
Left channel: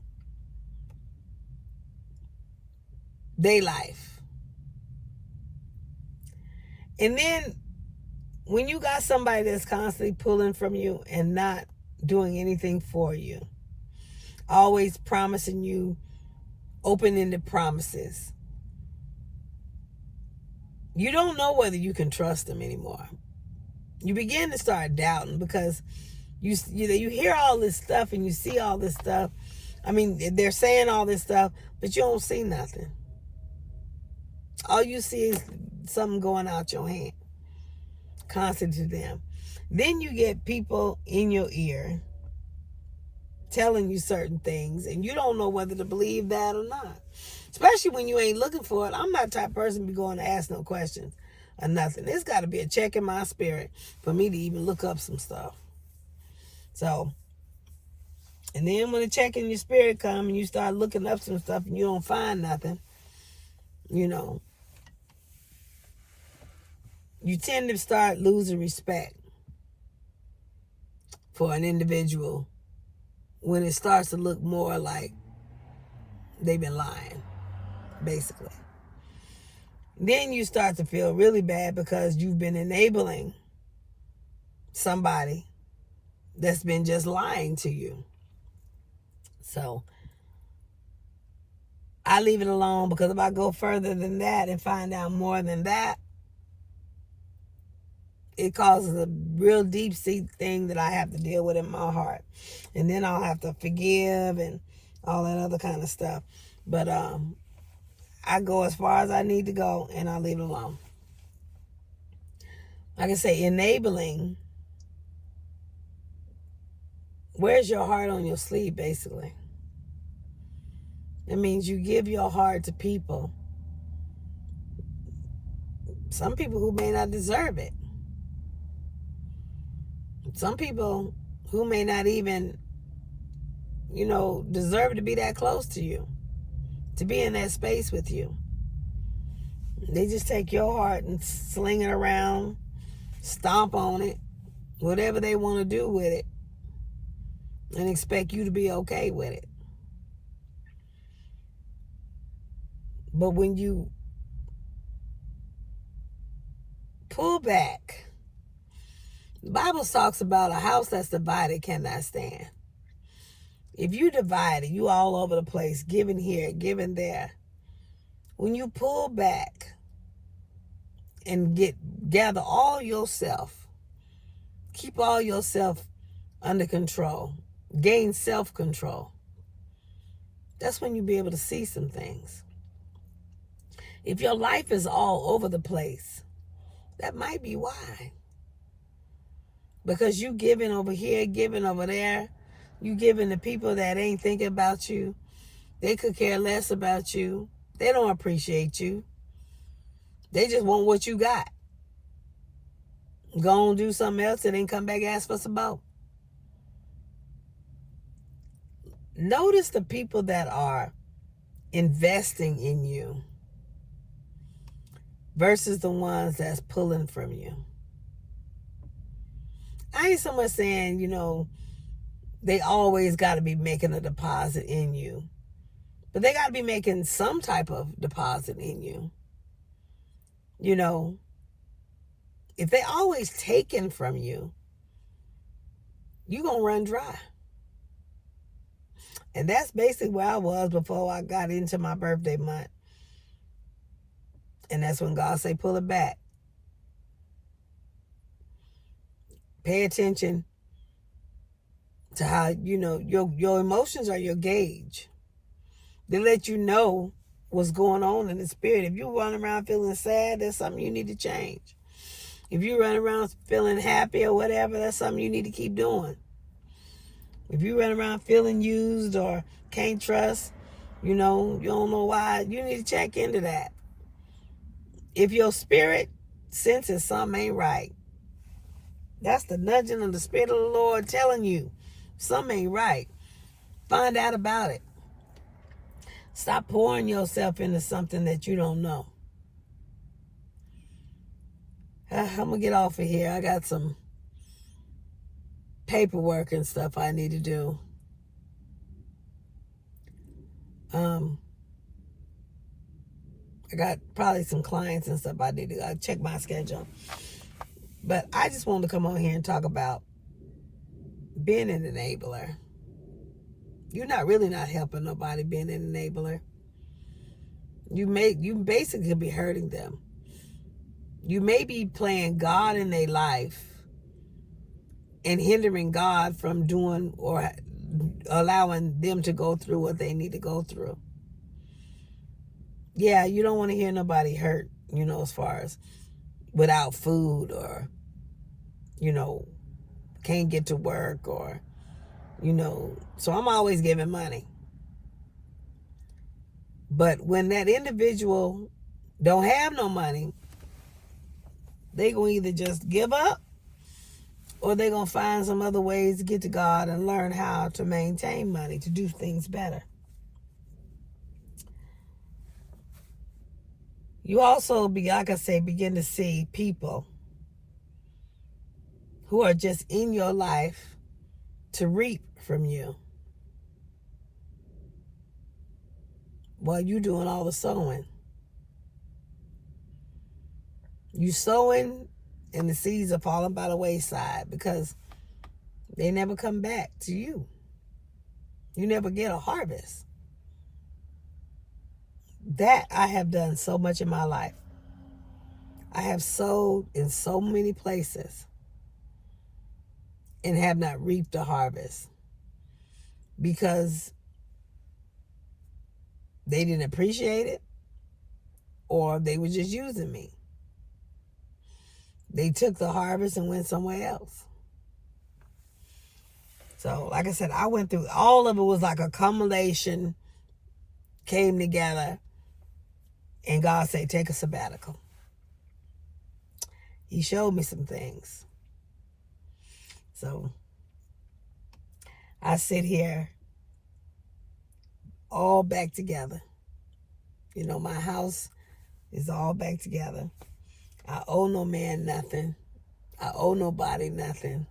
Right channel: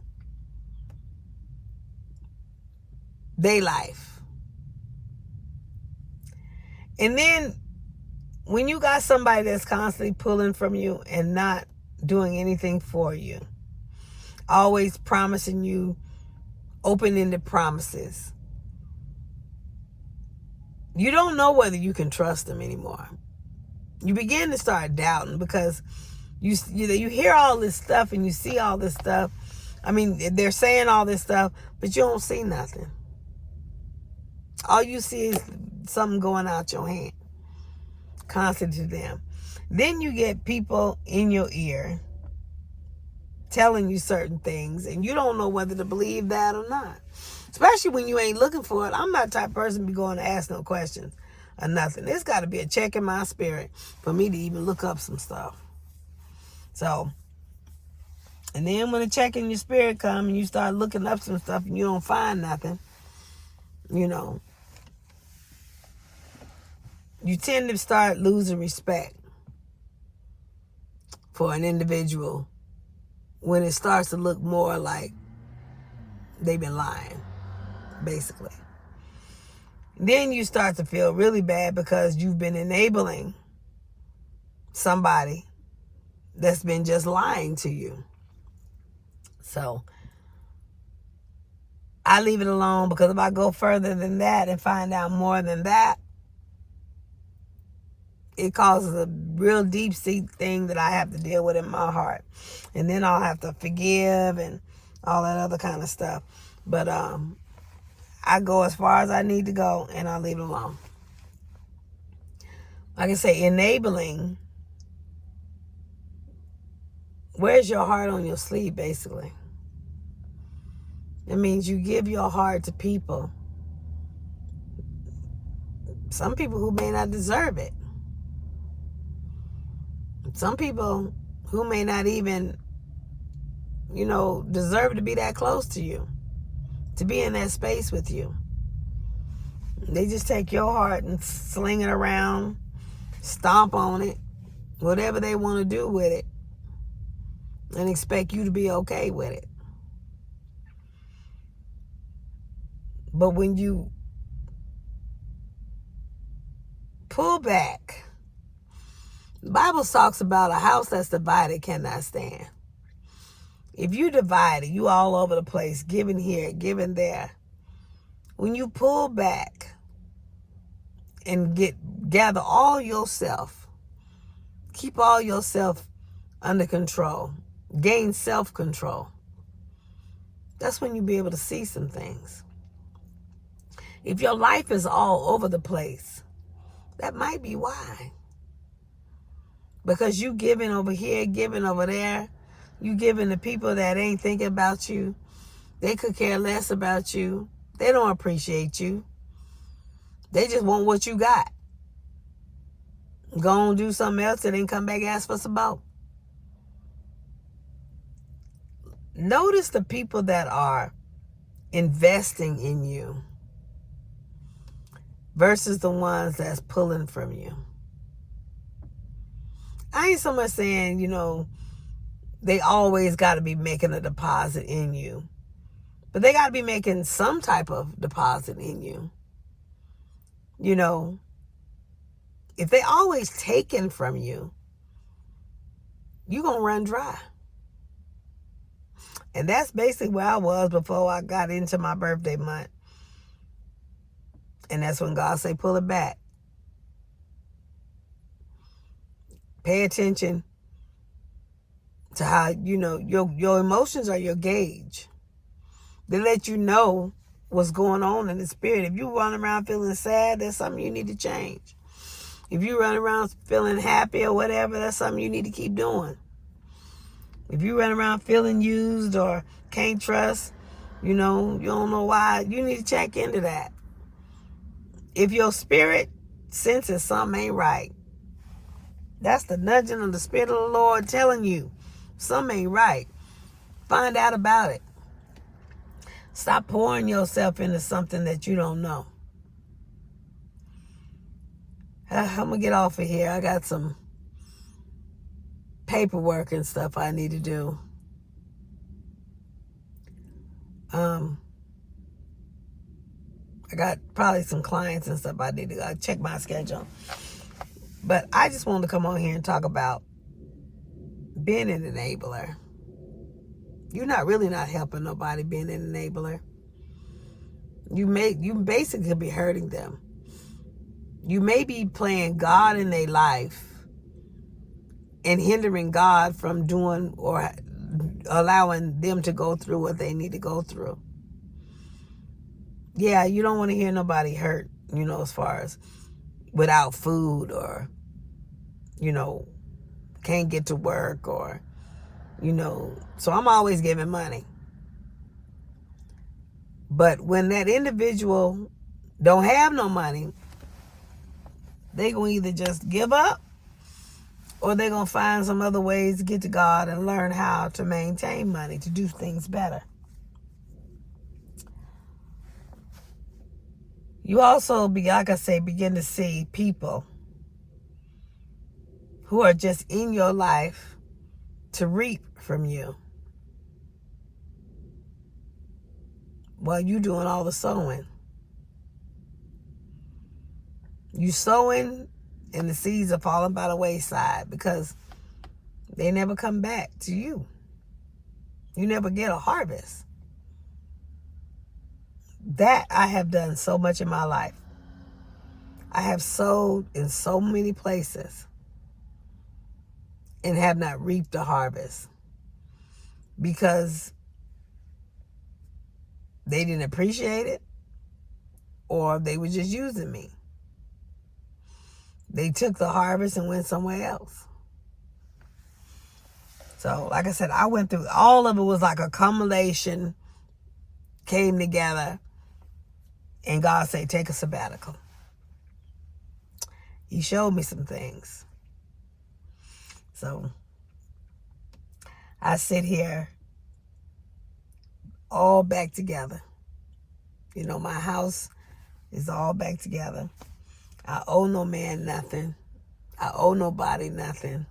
their life. And then when you got somebody that's constantly pulling from you and not doing anything for you, always promising you open-ended promises, you don't know whether you can trust them anymore. You begin to start doubting because you hear all this stuff and you see all this stuff. I mean, they're saying all this stuff, but you don't see nothing. All you see is something going out your hand, constant to them. Then you get people in your ear telling you certain things, and you don't know whether to believe that or not. Especially when you ain't looking for it. I'm not the type of person to be going to ask no questions or nothing. There's got to be a check in my spirit for me to even look up some stuff. So, and then when the check in your spirit comes and you start looking up some stuff and you don't find nothing, you tend to start losing respect for an individual when it starts to look more like they've been lying, basically. Then you start to feel really bad because you've been enabling somebody that's been just lying to you. So I leave it alone, because if I go further than that and find out more than that, it causes a real deep-seated thing that I have to deal with in my heart. And then I'll have to forgive and all that other kind of stuff. But I go as far as I need to go, and I leave it alone. Like I say, enabling, where's your heart on your sleeve, basically? It means you give your heart to people. Some people who may not deserve it. Some people who may not even, deserve to be that close to you, to be in that space with you. They just take your heart and sling it around, stomp on it, whatever they want to do with it, and expect you to be okay with it. But when you pull back, the Bible talks about a house that's divided cannot stand. If you divided, you all over the place, giving here, giving there. When you pull back and gather all yourself, keep all yourself under control, gain self-control, that's when you'll be able to see some things. If your life is all over the place, that might be why. Because you giving over here, giving over there, you giving to people that ain't thinking about you. They could care less about you. They don't appreciate you. They just want what you got. Go and do something else and then come back and ask for some more. Notice the people that are investing in you versus the ones that's pulling from you. I ain't so much saying, they always got to be making a deposit in you. But they got to be making some type of deposit in you. If they always taking from you, you're going to run dry. And that's basically where I was before I got into my birthday month. And that's when God say, pull it back. Pay attention to how, your emotions are your gauge. They let you know what's going on in the spirit. If you run around feeling sad, that's something you need to change. If you run around feeling happy or whatever, that's something you need to keep doing. If you run around feeling used or can't trust, you don't know why, you need to check into that. If your spirit senses something ain't right, that's the nudging of the Spirit of the Lord telling you something ain't right. Find out about it. Stop pouring yourself into something that you don't know. I'm going to get off of here. I got some paperwork and stuff I need to do. I got probably some clients and stuff I need to check my schedule. But I just wanted to come on here and talk about being an enabler. You're really not helping nobody being an enabler. You basically be hurting them. You may be playing God in their life and hindering God from doing or allowing them to go through what they need to go through. Yeah, you don't want to hear nobody hurt, as far as without food or, can't get to work or, so I'm always giving money. But when that individual don't have no money, they going to either just give up or they're going to find some other ways to get to God and learn how to maintain money to do things better. You also, like I say, begin to see people who are just in your life to reap from you while you doing all the sowing. You sowing and the seeds are falling by the wayside because they never come back to you. You never get a harvest. That I have done so much in my life. I have sowed in so many places and have not reaped a harvest because they didn't appreciate it or they were just using me. They took the harvest and went somewhere else. So, like I said, I went through, all of it was like a culmination, came together, and God said, take a sabbatical. He showed me some things. So, I sit here all back together. My house is all back together. I owe no man nothing. I owe nobody nothing.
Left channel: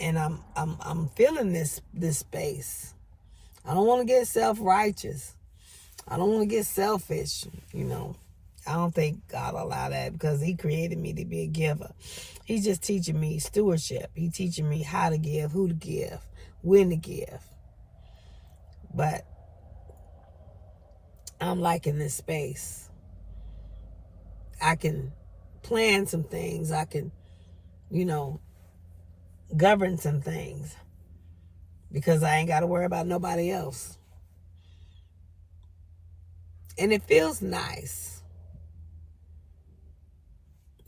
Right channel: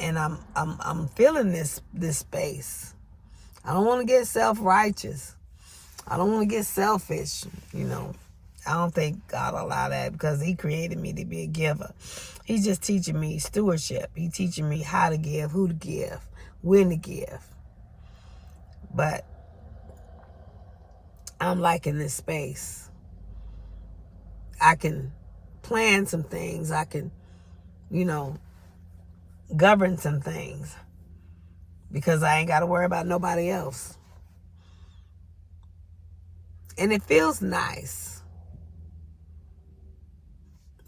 And I'm feeling this space. I don't want to get self-righteous. I don't want to get selfish, I don't think God allowed that because he created me to be a giver. He's just teaching me stewardship. He's teaching me how to give, who to give, when to give. But I'm liking this space. I can plan some things. I can, govern some things because I ain't got to worry about nobody else. And it feels nice.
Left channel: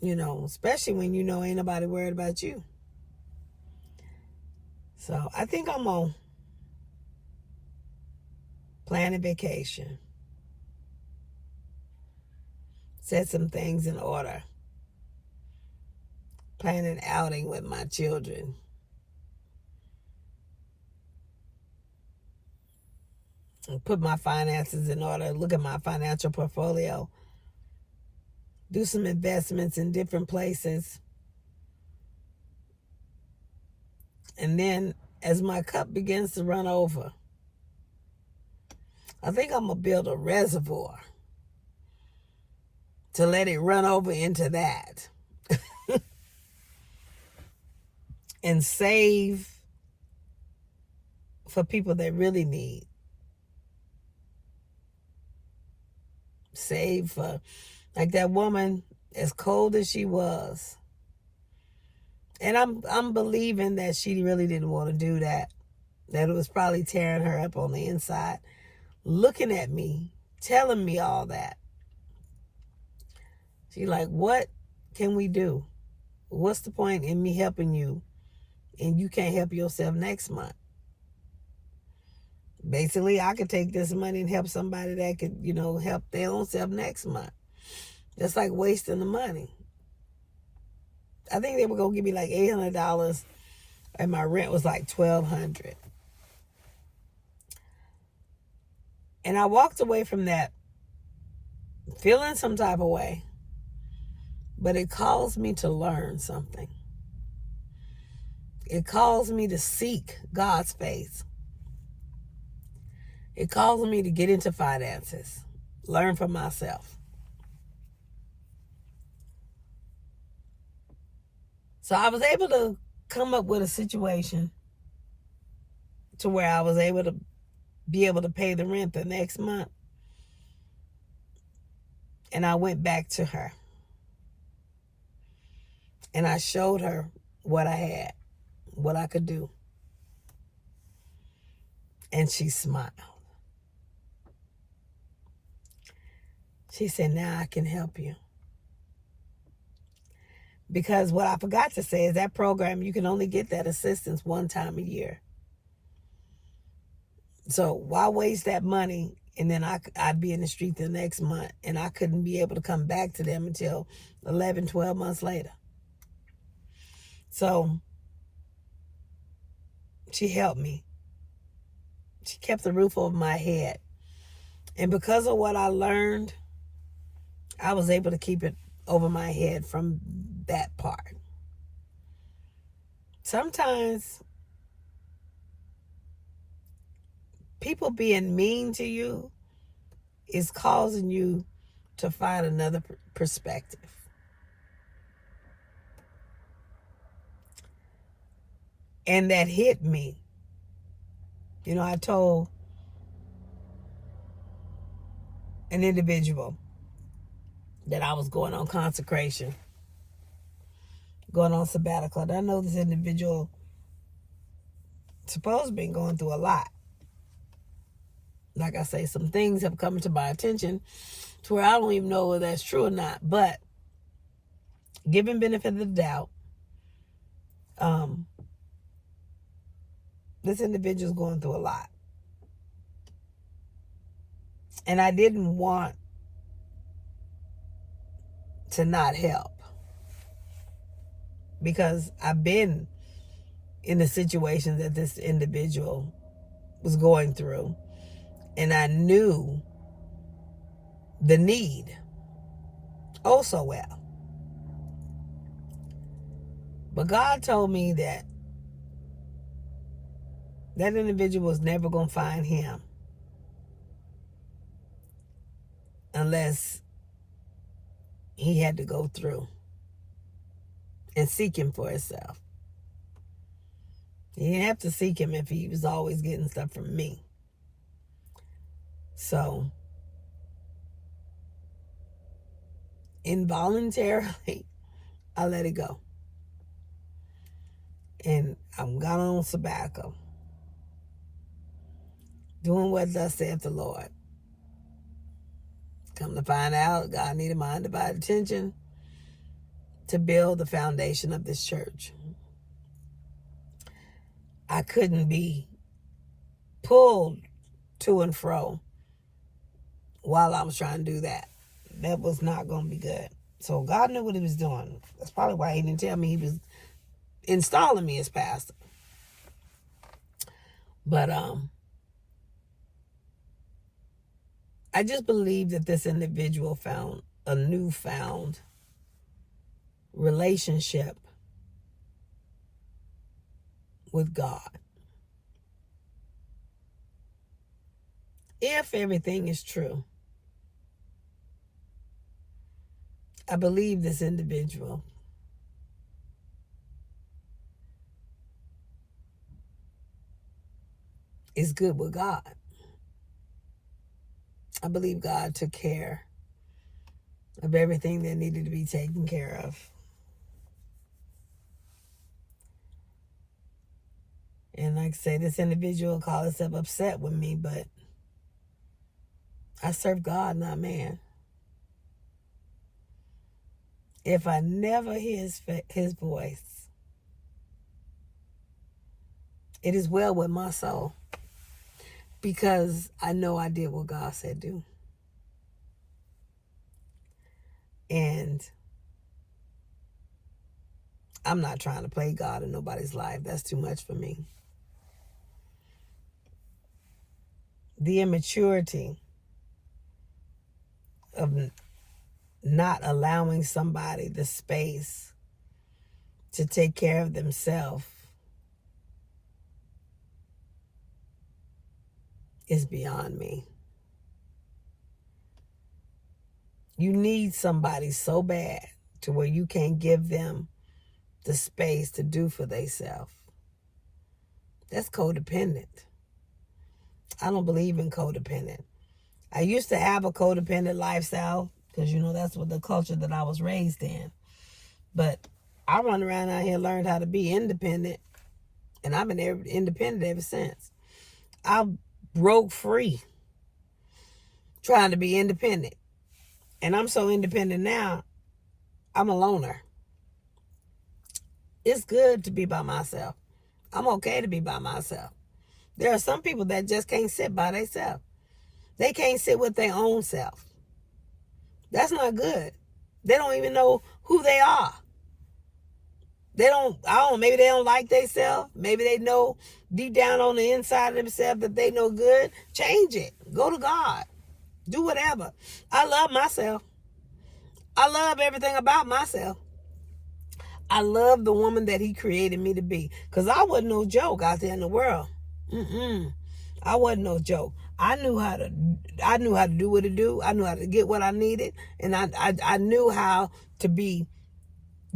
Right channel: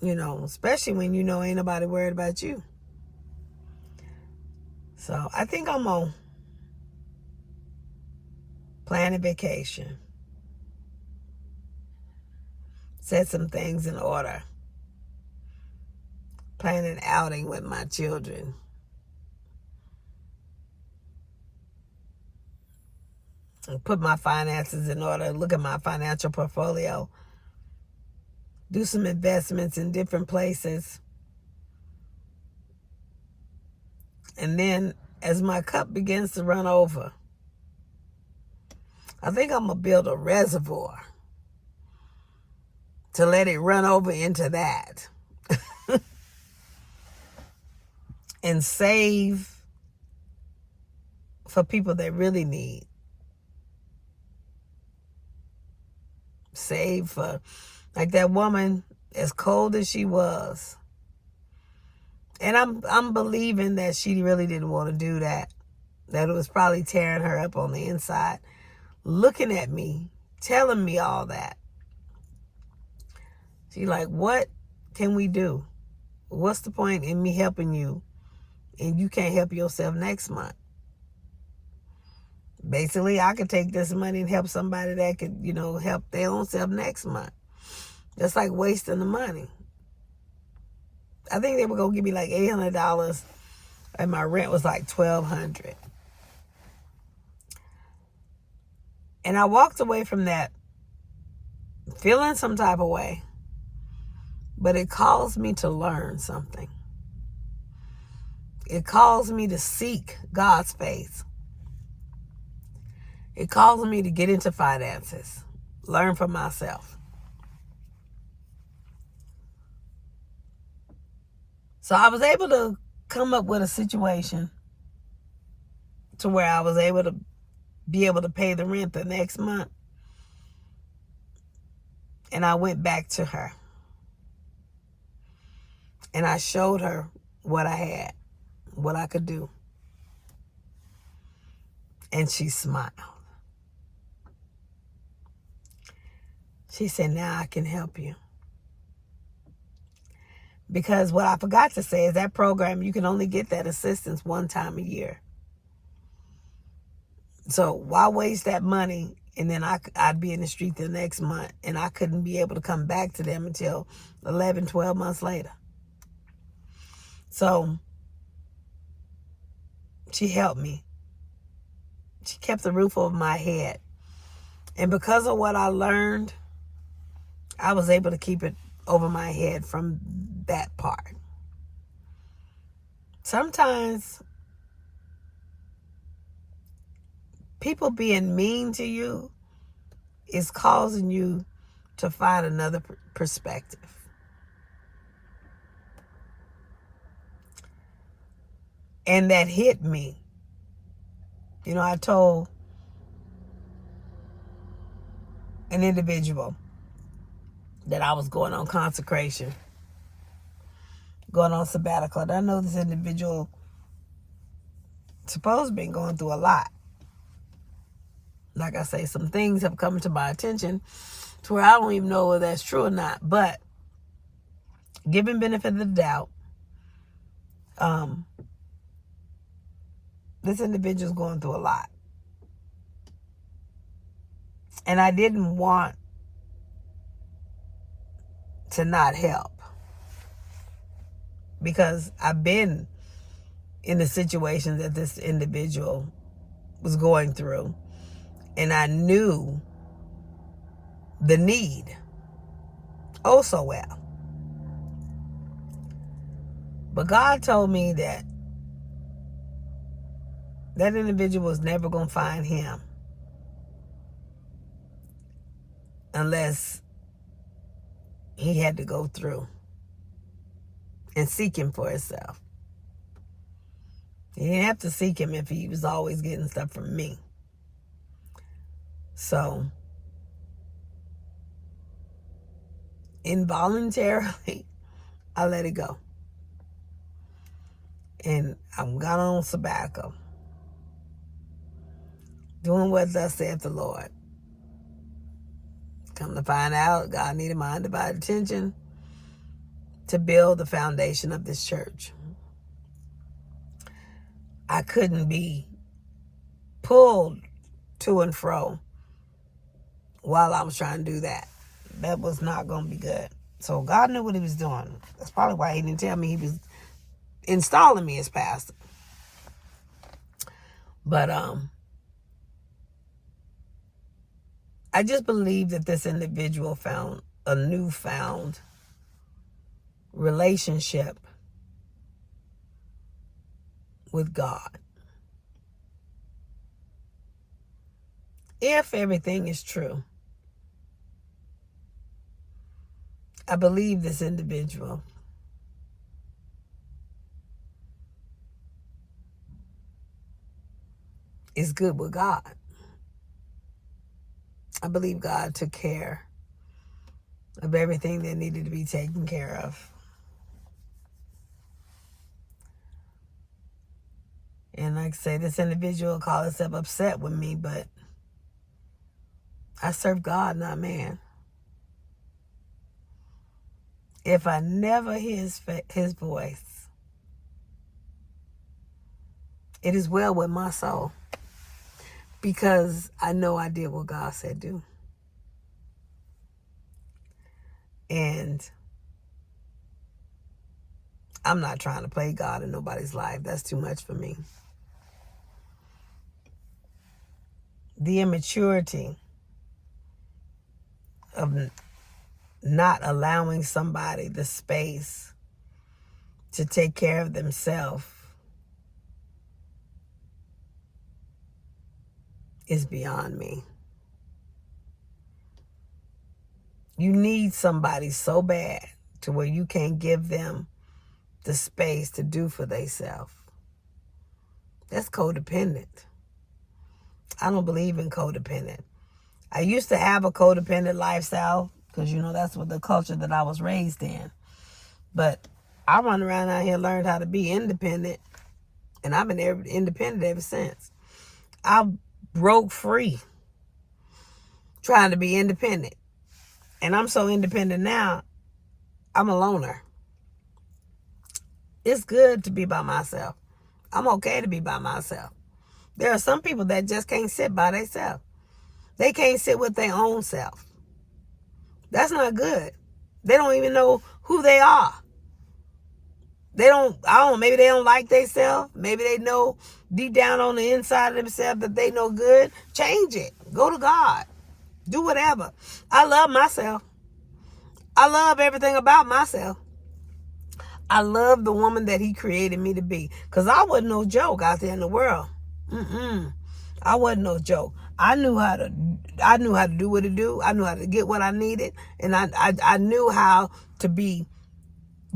Especially when ain't nobody worried about you. So I think I'm on plan a vacation. Set some things in order. Plan an outing with my children. And put my finances in order. Look at my financial portfolio. Do some investments in different places. And then as my cup begins to run over, I think I'm going to build a reservoir to let it run over into that. And save for people that really need. Save for, like that woman, as cold as she was. And I'm believing that she really didn't want to do that. That it was probably tearing her up on the inside. looking at me, telling me all that. She's like, what can we do? What's the point in me helping you and you can't help yourself next month? Basically, I could take this money and help somebody that could, help their own self next month. That's like wasting the money. I think they were going to give me like $800 and my rent was like $1,200. And I walked away from that feeling some type of way, but it caused me to learn something. It caused me to seek God's face. It caused me to get into finances, learn for myself. So I was able to come up with a situation to where I was able to be able to pay the rent the next month. And I went back to her. And I showed her what I had, what I could do. And she smiled. She said, now I can help you. Because what I forgot to say is that program, you can only get that assistance one time a year. So why waste that money and then I'd be in the street the next month and I couldn't be able to come back to them until 11, 12 months later. So she helped me. She kept the roof over my head. And because of what I learned, I was able to keep it over my head from that part. Sometimes people being mean to you is causing you to find another perspective. And that hit me. I told an individual that I was going on consecration, going on sabbatical. And I know this individual supposed to be going through a lot. Like I say, some things have come to my attention to where I don't even know whether that's true or not. But given benefit of the doubt, this individual's going through a lot. And I didn't want to not help. Because I've been in the situation that this individual was going through. And I knew the need oh so well. But God told me that individual was never going to find him unless he had to go through and seek him for himself. He didn't have to seek him if he was always getting stuff from me. So, involuntarily, I let it go. And I'm gone on sabbatical, doing what thus saith the Lord. Come to find out, God needed my undivided attention to build the foundation of this church. I couldn't be pulled to and fro while I was trying to do that. That was not going to be good. So God knew what he was doing. That's probably why he didn't tell me he was installing me as pastor. But I just believe that this individual found a newfound relationship with God. If everything is true, I believe this individual is good with God. I believe God took care of everything that needed to be taken care of. And like I say, this individual called himself upset with me, but I serve God, not man. If I never hear his voice, it is well with my soul, because I know I did what God said do. And I'm not trying to play God in nobody's life. That's too much for me. The immaturity of not allowing somebody the space to take care of themselves is beyond me. You need somebody so bad to where you can't give them the space to do for themselves. That's codependent. I don't believe in codependent. I used to have a codependent lifestyle because, that's what the culture that I was raised in. But I run around out here, learned how to be independent, and I've been independent ever since. I broke free trying to be independent. And I'm so independent now, I'm a loner. It's good to be by myself. I'm okay to be by myself. There are some people that just can't sit by themselves. They can't sit with their own self. That's not good. They don't even know who they are. Maybe they don't like themselves. Maybe they know deep down on the inside of themselves that they no good. Change it. Go to God. Do whatever. I love myself. I love everything about myself. I love the woman that he created me to be. Because I wasn't no joke out there in the world. I wasn't no joke. I knew how to do what to do. I knew how to get what I needed. And I knew how to be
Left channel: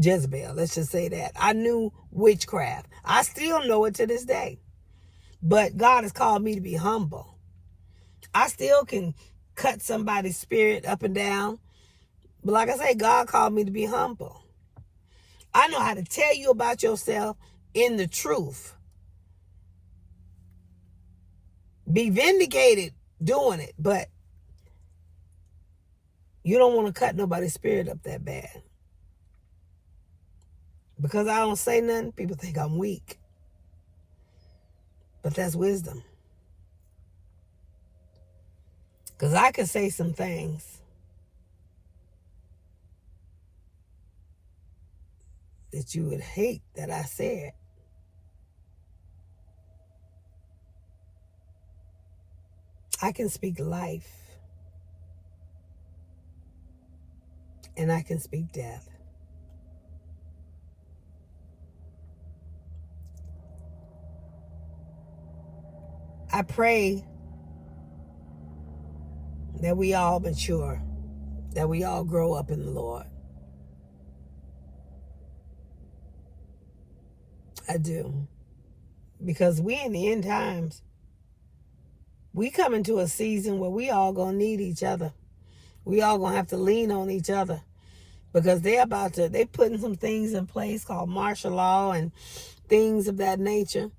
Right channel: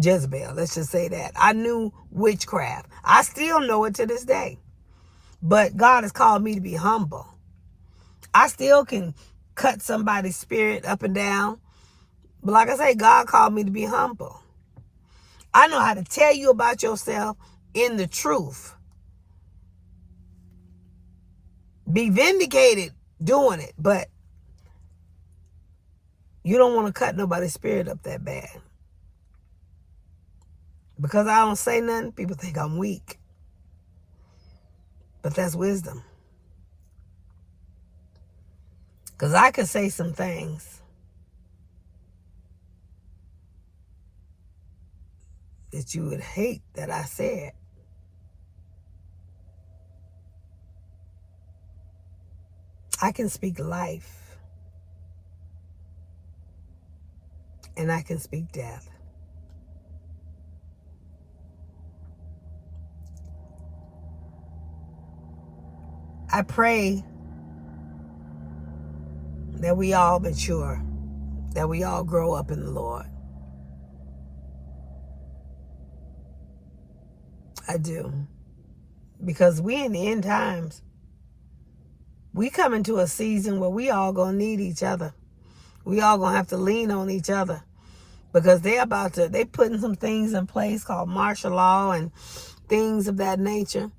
Jezebel. Let's just say that. I knew witchcraft. I still know it to this day. But God has called me to be humble. I still can cut somebody's spirit up and down. But like I say, God called me to be humble. I know how to tell you about yourself in the truth. Be vindicated doing it, but you don't want to cut nobody's spirit up that bad. Because I don't say nothing, people think I'm weak. But that's wisdom. Because I could say some things that you would hate that I said. I can speak life. And I can speak death. I pray that we all mature, that we all grow up in the Lord. I do. Because we in the end times, we come into a season where we all gonna need each other. We all gonna have to lean on each other. Because they putting some things in place called martial law and things of that nature,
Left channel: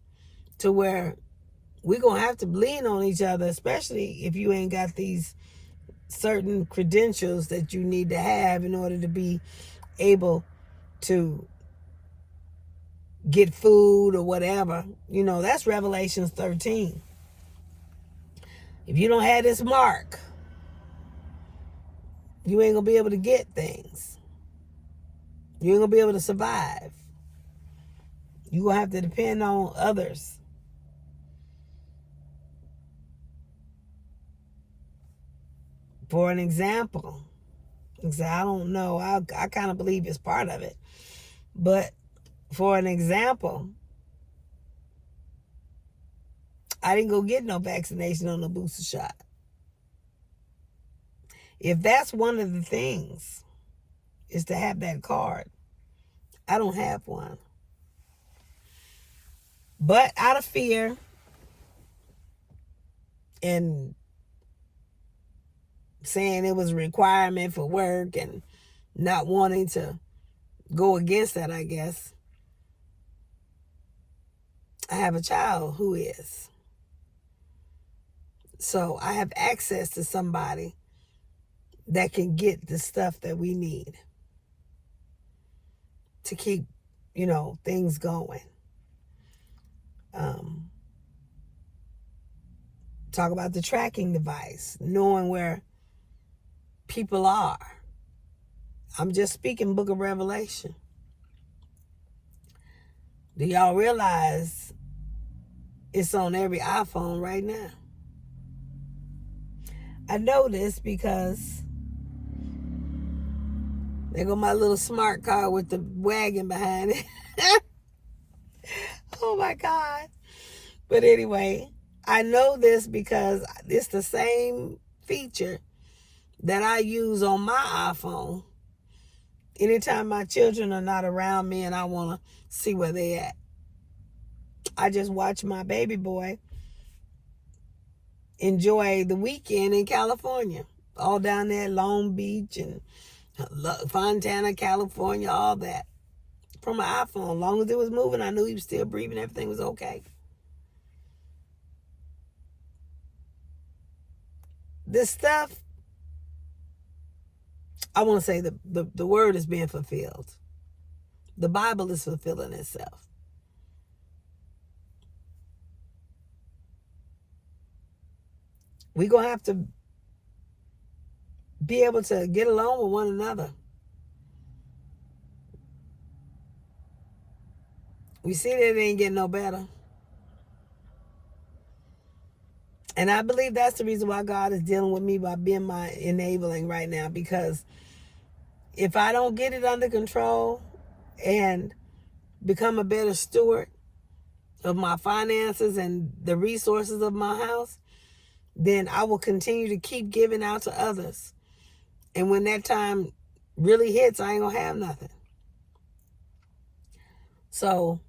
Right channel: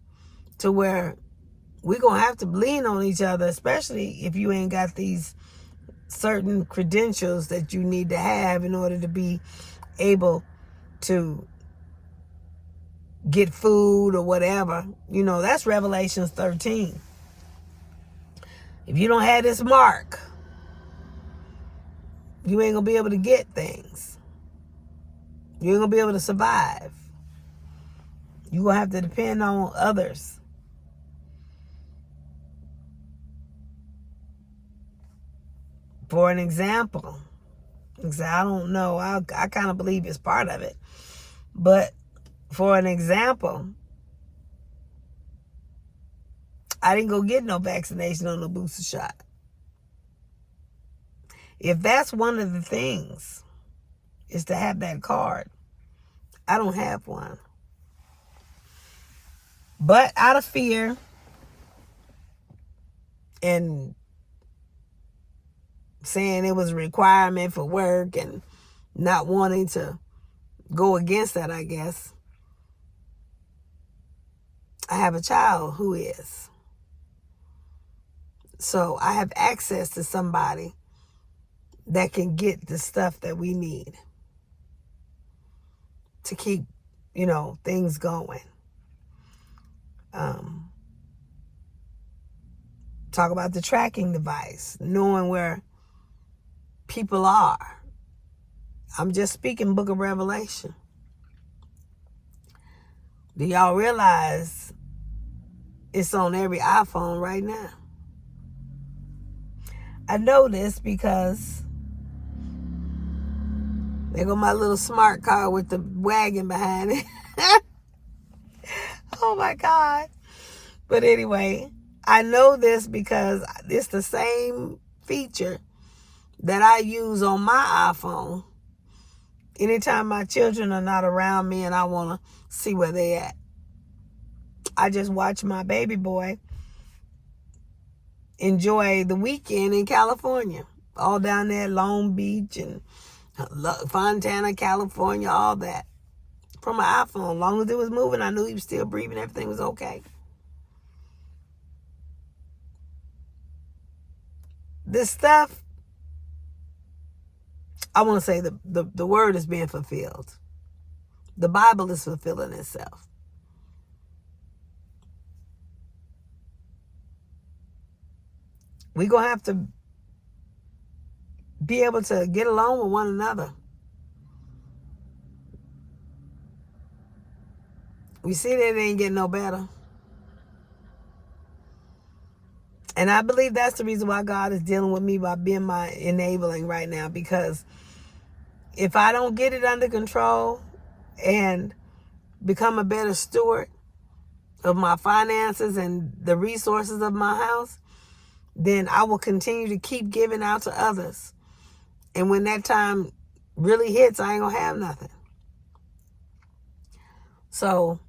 to where we're gonna have to lean on each other, especially if you ain't got these certain credentials that you need to have in order to be able to get food or whatever. That's Revelations 13. If you don't have this mark, you ain't gonna be able to get things. You ain't gonna be able to survive. You're gonna have to depend on others. For an example, I don't know, I kind of believe it's part of it. But for an example, I didn't go get no vaccination or no booster shot. If that's one of the things, is to have that card. I don't have one. But out of fear and saying it was a requirement for work and not wanting to go against that, I guess, I have a child who is. So I have access to somebody that can get the stuff that we need to keep, things going. Talk about the tracking device, knowing where people are. I'm just speaking Book of Revelation. Do y'all realize it's on every iPhone right now? I know this because there go my little smart car with the wagon behind it. Oh my God. But anyway, I know this because it's the same feature that I use on my iPhone anytime my children are not around me and I want to see where they at. I just watch my baby boy enjoy the weekend in California, all down there, Long Beach and Fontana, California, all that, from my iPhone. As long as it was moving, I knew he was still breathing, everything was okay. This stuff, I want to say the word is being fulfilled. The Bible is fulfilling itself. We're going to have to be able to get along with one another. We see that it ain't getting no better. And I believe that's the reason why God is dealing with me by being my enabling right now. Because if I don't get it under control and become a better steward of my finances and the resources of my house, then I will continue to keep giving out to others. And when that time really hits, I ain't gonna have nothing. So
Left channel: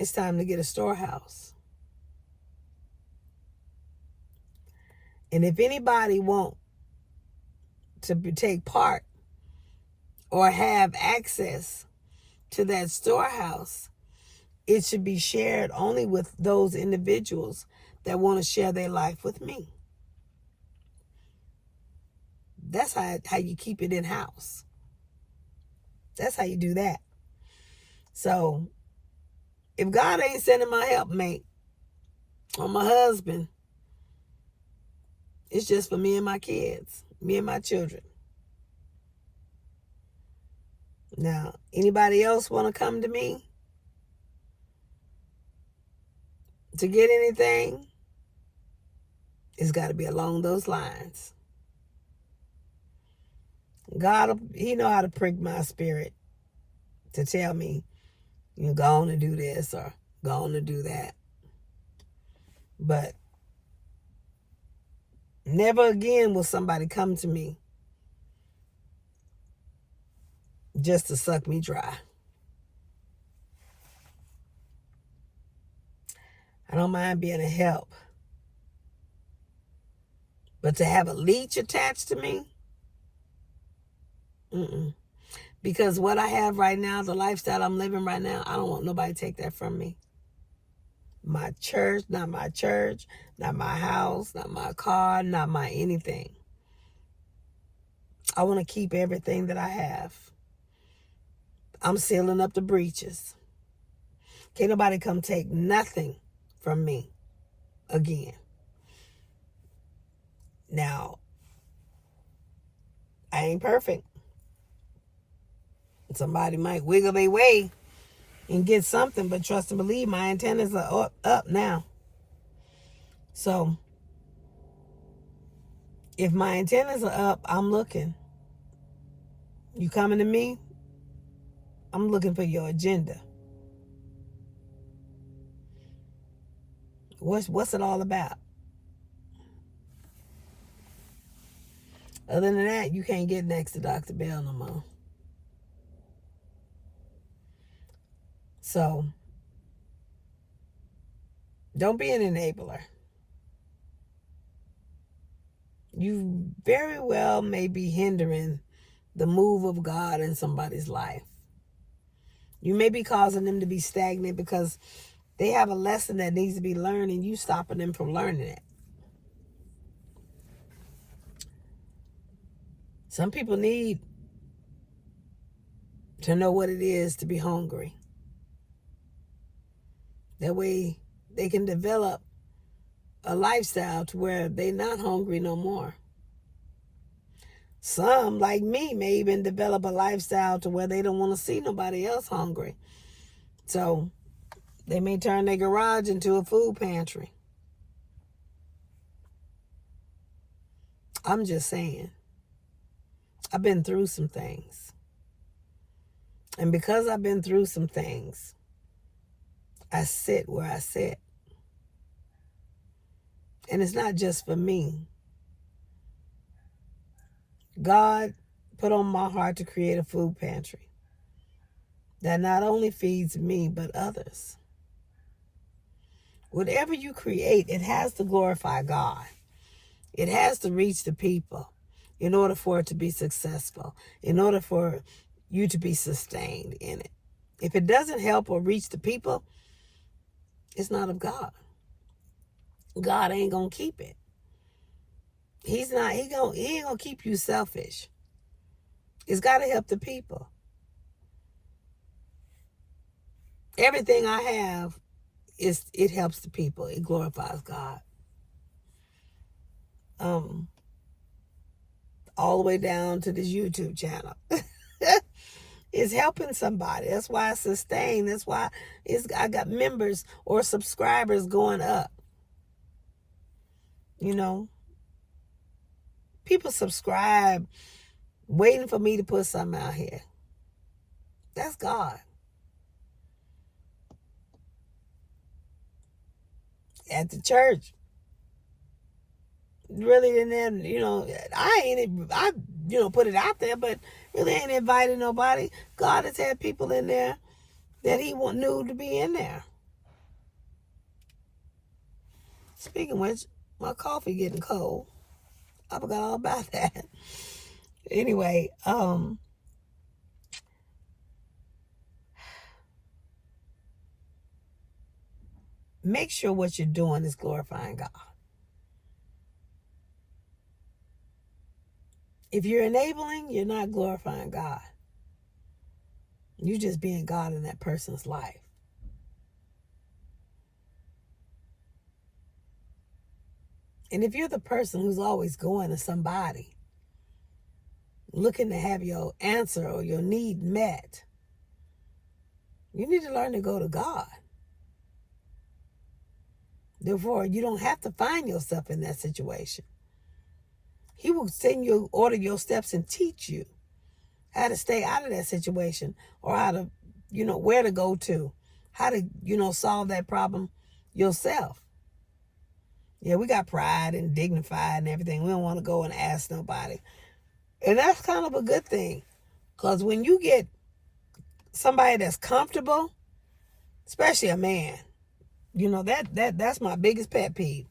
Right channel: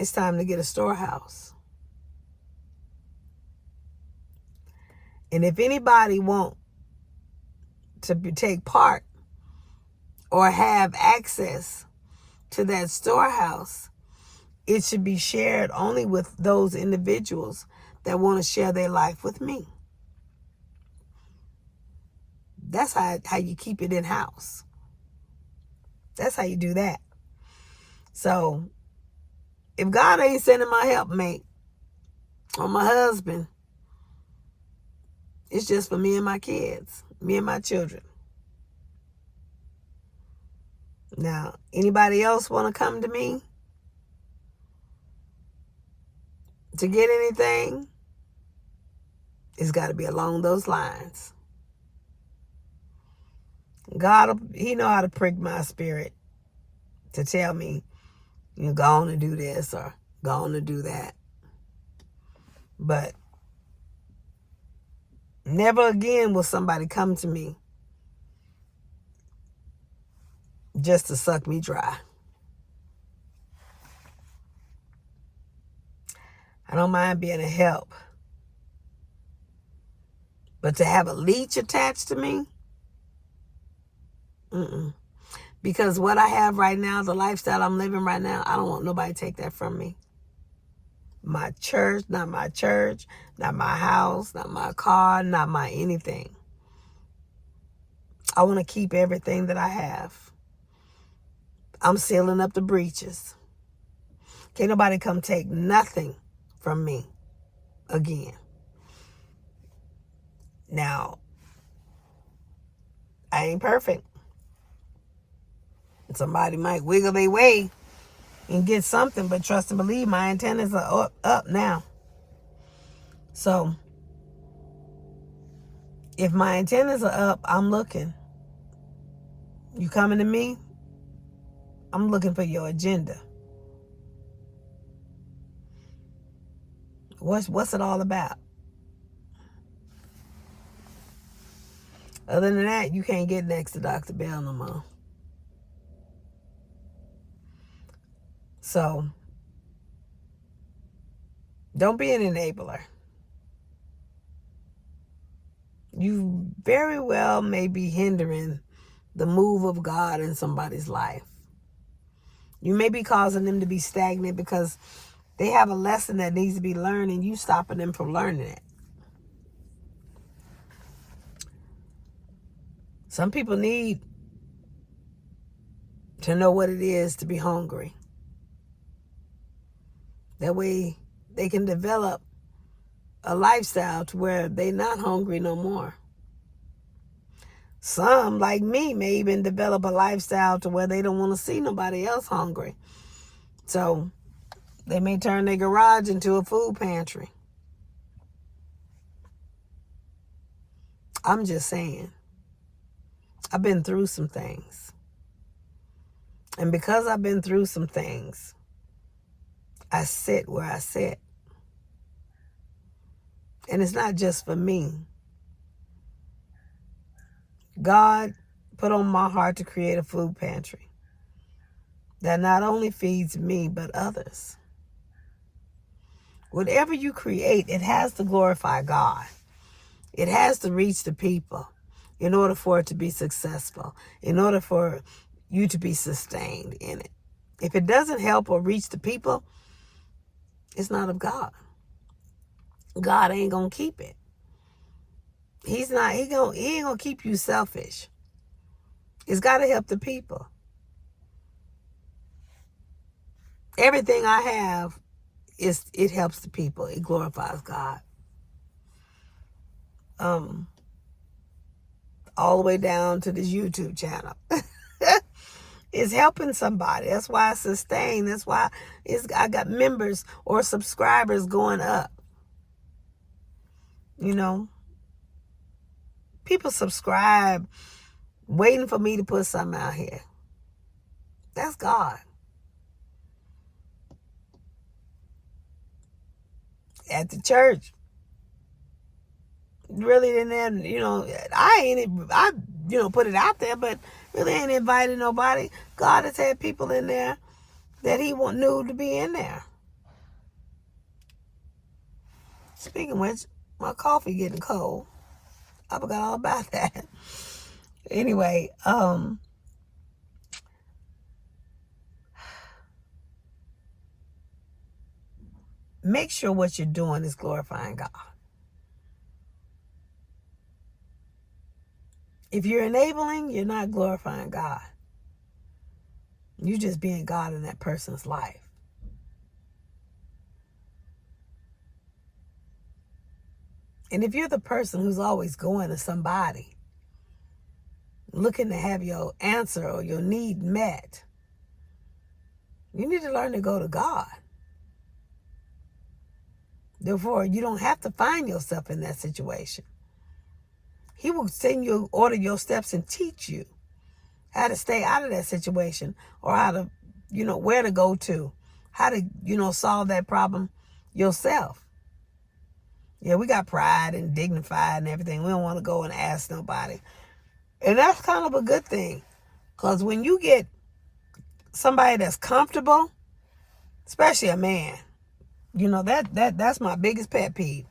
it's time to get a storehouse. And if anybody want to take part or have access to that storehouse, it should be shared only with those individuals that want to share their life with me. That's how you keep it in-house. That's how you do that. So if God ain't sending my helpmate or my husband, it's just for me and my kids, me and my children. Now, anybody else want to come to me to get anything? It's got to be along those lines. God, he know how to prick my spirit to tell me, go on and do this or go on and do that. But never again will somebody come to me just to suck me dry. I don't mind being a help. But to have a leech attached to me? Because what I have right now, the lifestyle I'm living right now, I don't want nobody to take that from me. My church, not my house, not my car, not my anything. I want to keep everything that I have. I'm sealing up the breaches. Can't nobody come take nothing from me again. Now, I ain't perfect. Somebody might wiggle their way and get something, but trust and believe, my antennas are up now. So, if my antennas are up, I'm looking. You coming to me? I'm looking for your agenda. What's it all about? Other than that, you can't get next to Dr. Bell no more. So, don't be an enabler. You very well may be hindering the move of God in somebody's life. You may be causing them to be stagnant because they have a lesson that needs to be learned and you stopping them from learning it. Some people need to know what it is to be hungry. That way they can develop a lifestyle to where they're not hungry no more. Some, like me, may even develop a lifestyle to where they don't want to see nobody else hungry. So they may turn their garage into a food pantry. I'm just saying. I've been through some things. And because I've been through some things, I sit where I sit. And it's not just for me. God put on my heart to create a food pantry that not only feeds me, but others. Whatever you create, it has to glorify God. It has to reach the people in order for it to be successful, in order for you to be sustained in it. If it doesn't help or reach the people, it's not of God. God ain't going to keep it. He ain't going to keep you selfish. It's got to help the people. Everything I have, it helps the people. It glorifies God. All the way down to this YouTube channel. It's helping somebody. That's why I sustain. That's why I got members or subscribers going up. You know, people subscribe waiting for me to put something out here. That's God. At the church, really didn't, I put it out there, but really ain't invited nobody. God has had people in there that he knew to be in there. Speaking of which, my coffee getting cold. I forgot all about that. Anyway, make sure what you're doing is glorifying God. If you're enabling, you're not glorifying God. You're just being God in that person's life. And if you're the person who's always going to somebody, looking to have your answer or your need met, you need to learn to go to God. Therefore, you don't have to find yourself in that situation. He will send you, order your steps and teach you how to stay out of that situation or how to, where to go to, how to, solve that problem yourself. Yeah, we got pride and dignified and everything. We don't want to go and ask nobody. And that's kind of a good thing. Because when you get somebody that's comfortable, especially a man, that's my biggest pet peeve.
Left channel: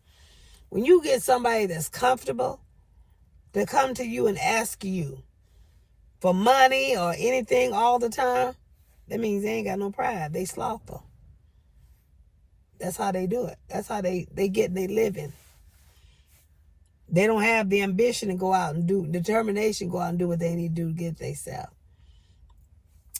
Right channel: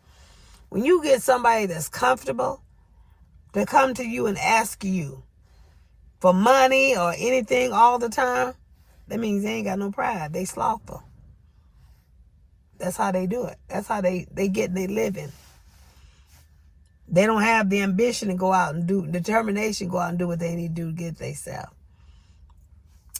When you get somebody that's comfortable to come to you and ask you for money or anything all the time, that means they ain't got no pride. They slothful. That's how they do it. That's how they get their living. They don't have the ambition to go out and determination to go out and do what they need to do to get themselves.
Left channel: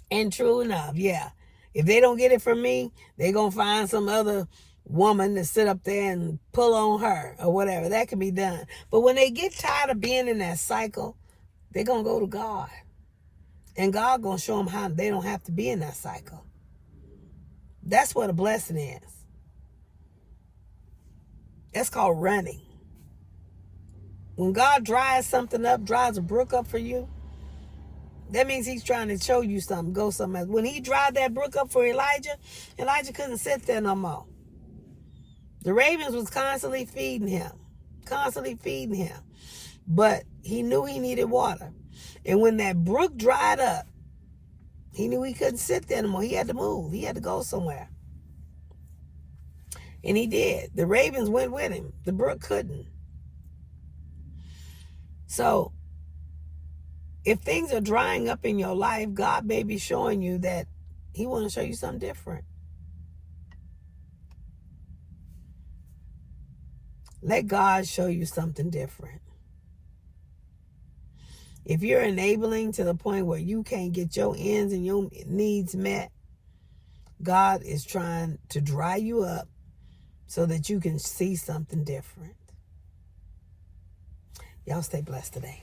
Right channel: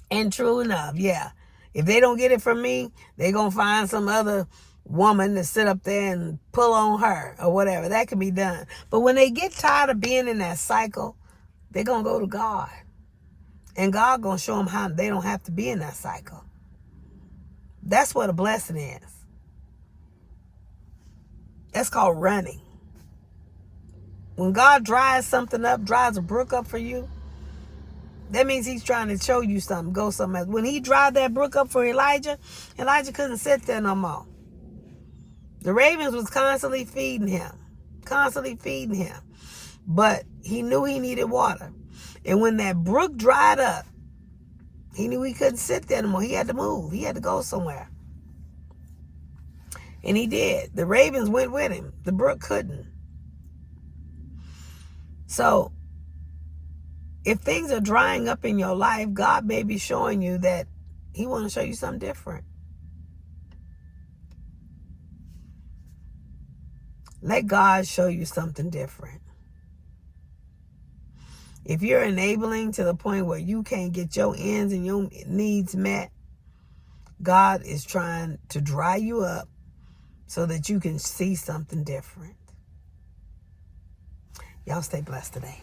And true enough, yeah. If they don't get it from me, they going to find some other woman to sit up there and pull on her or whatever. That can be done. But when they get tired of being in that cycle, they're going to go to God. And God going to show them how they don't have to be in that cycle. That's what a blessing is. That's called running. When God dries something up, dries a brook up for you, that means he's trying to show you something, go somewhere. When he dried that brook up for Elijah, Elijah couldn't sit there no more. The ravens was constantly feeding him. But he knew he needed water. And when that brook dried up, he knew he couldn't sit there no more. He had to move. He had to go somewhere. And he did. The ravens went with him. The brook couldn't. So, if things are drying up in your life, God may be showing you that he wants to show you something different. Let God show you something different. If you're enabling to the point where you can't get your ends and your needs met, God is trying to dry you up so that you can see something different. Y'all stay blessed today.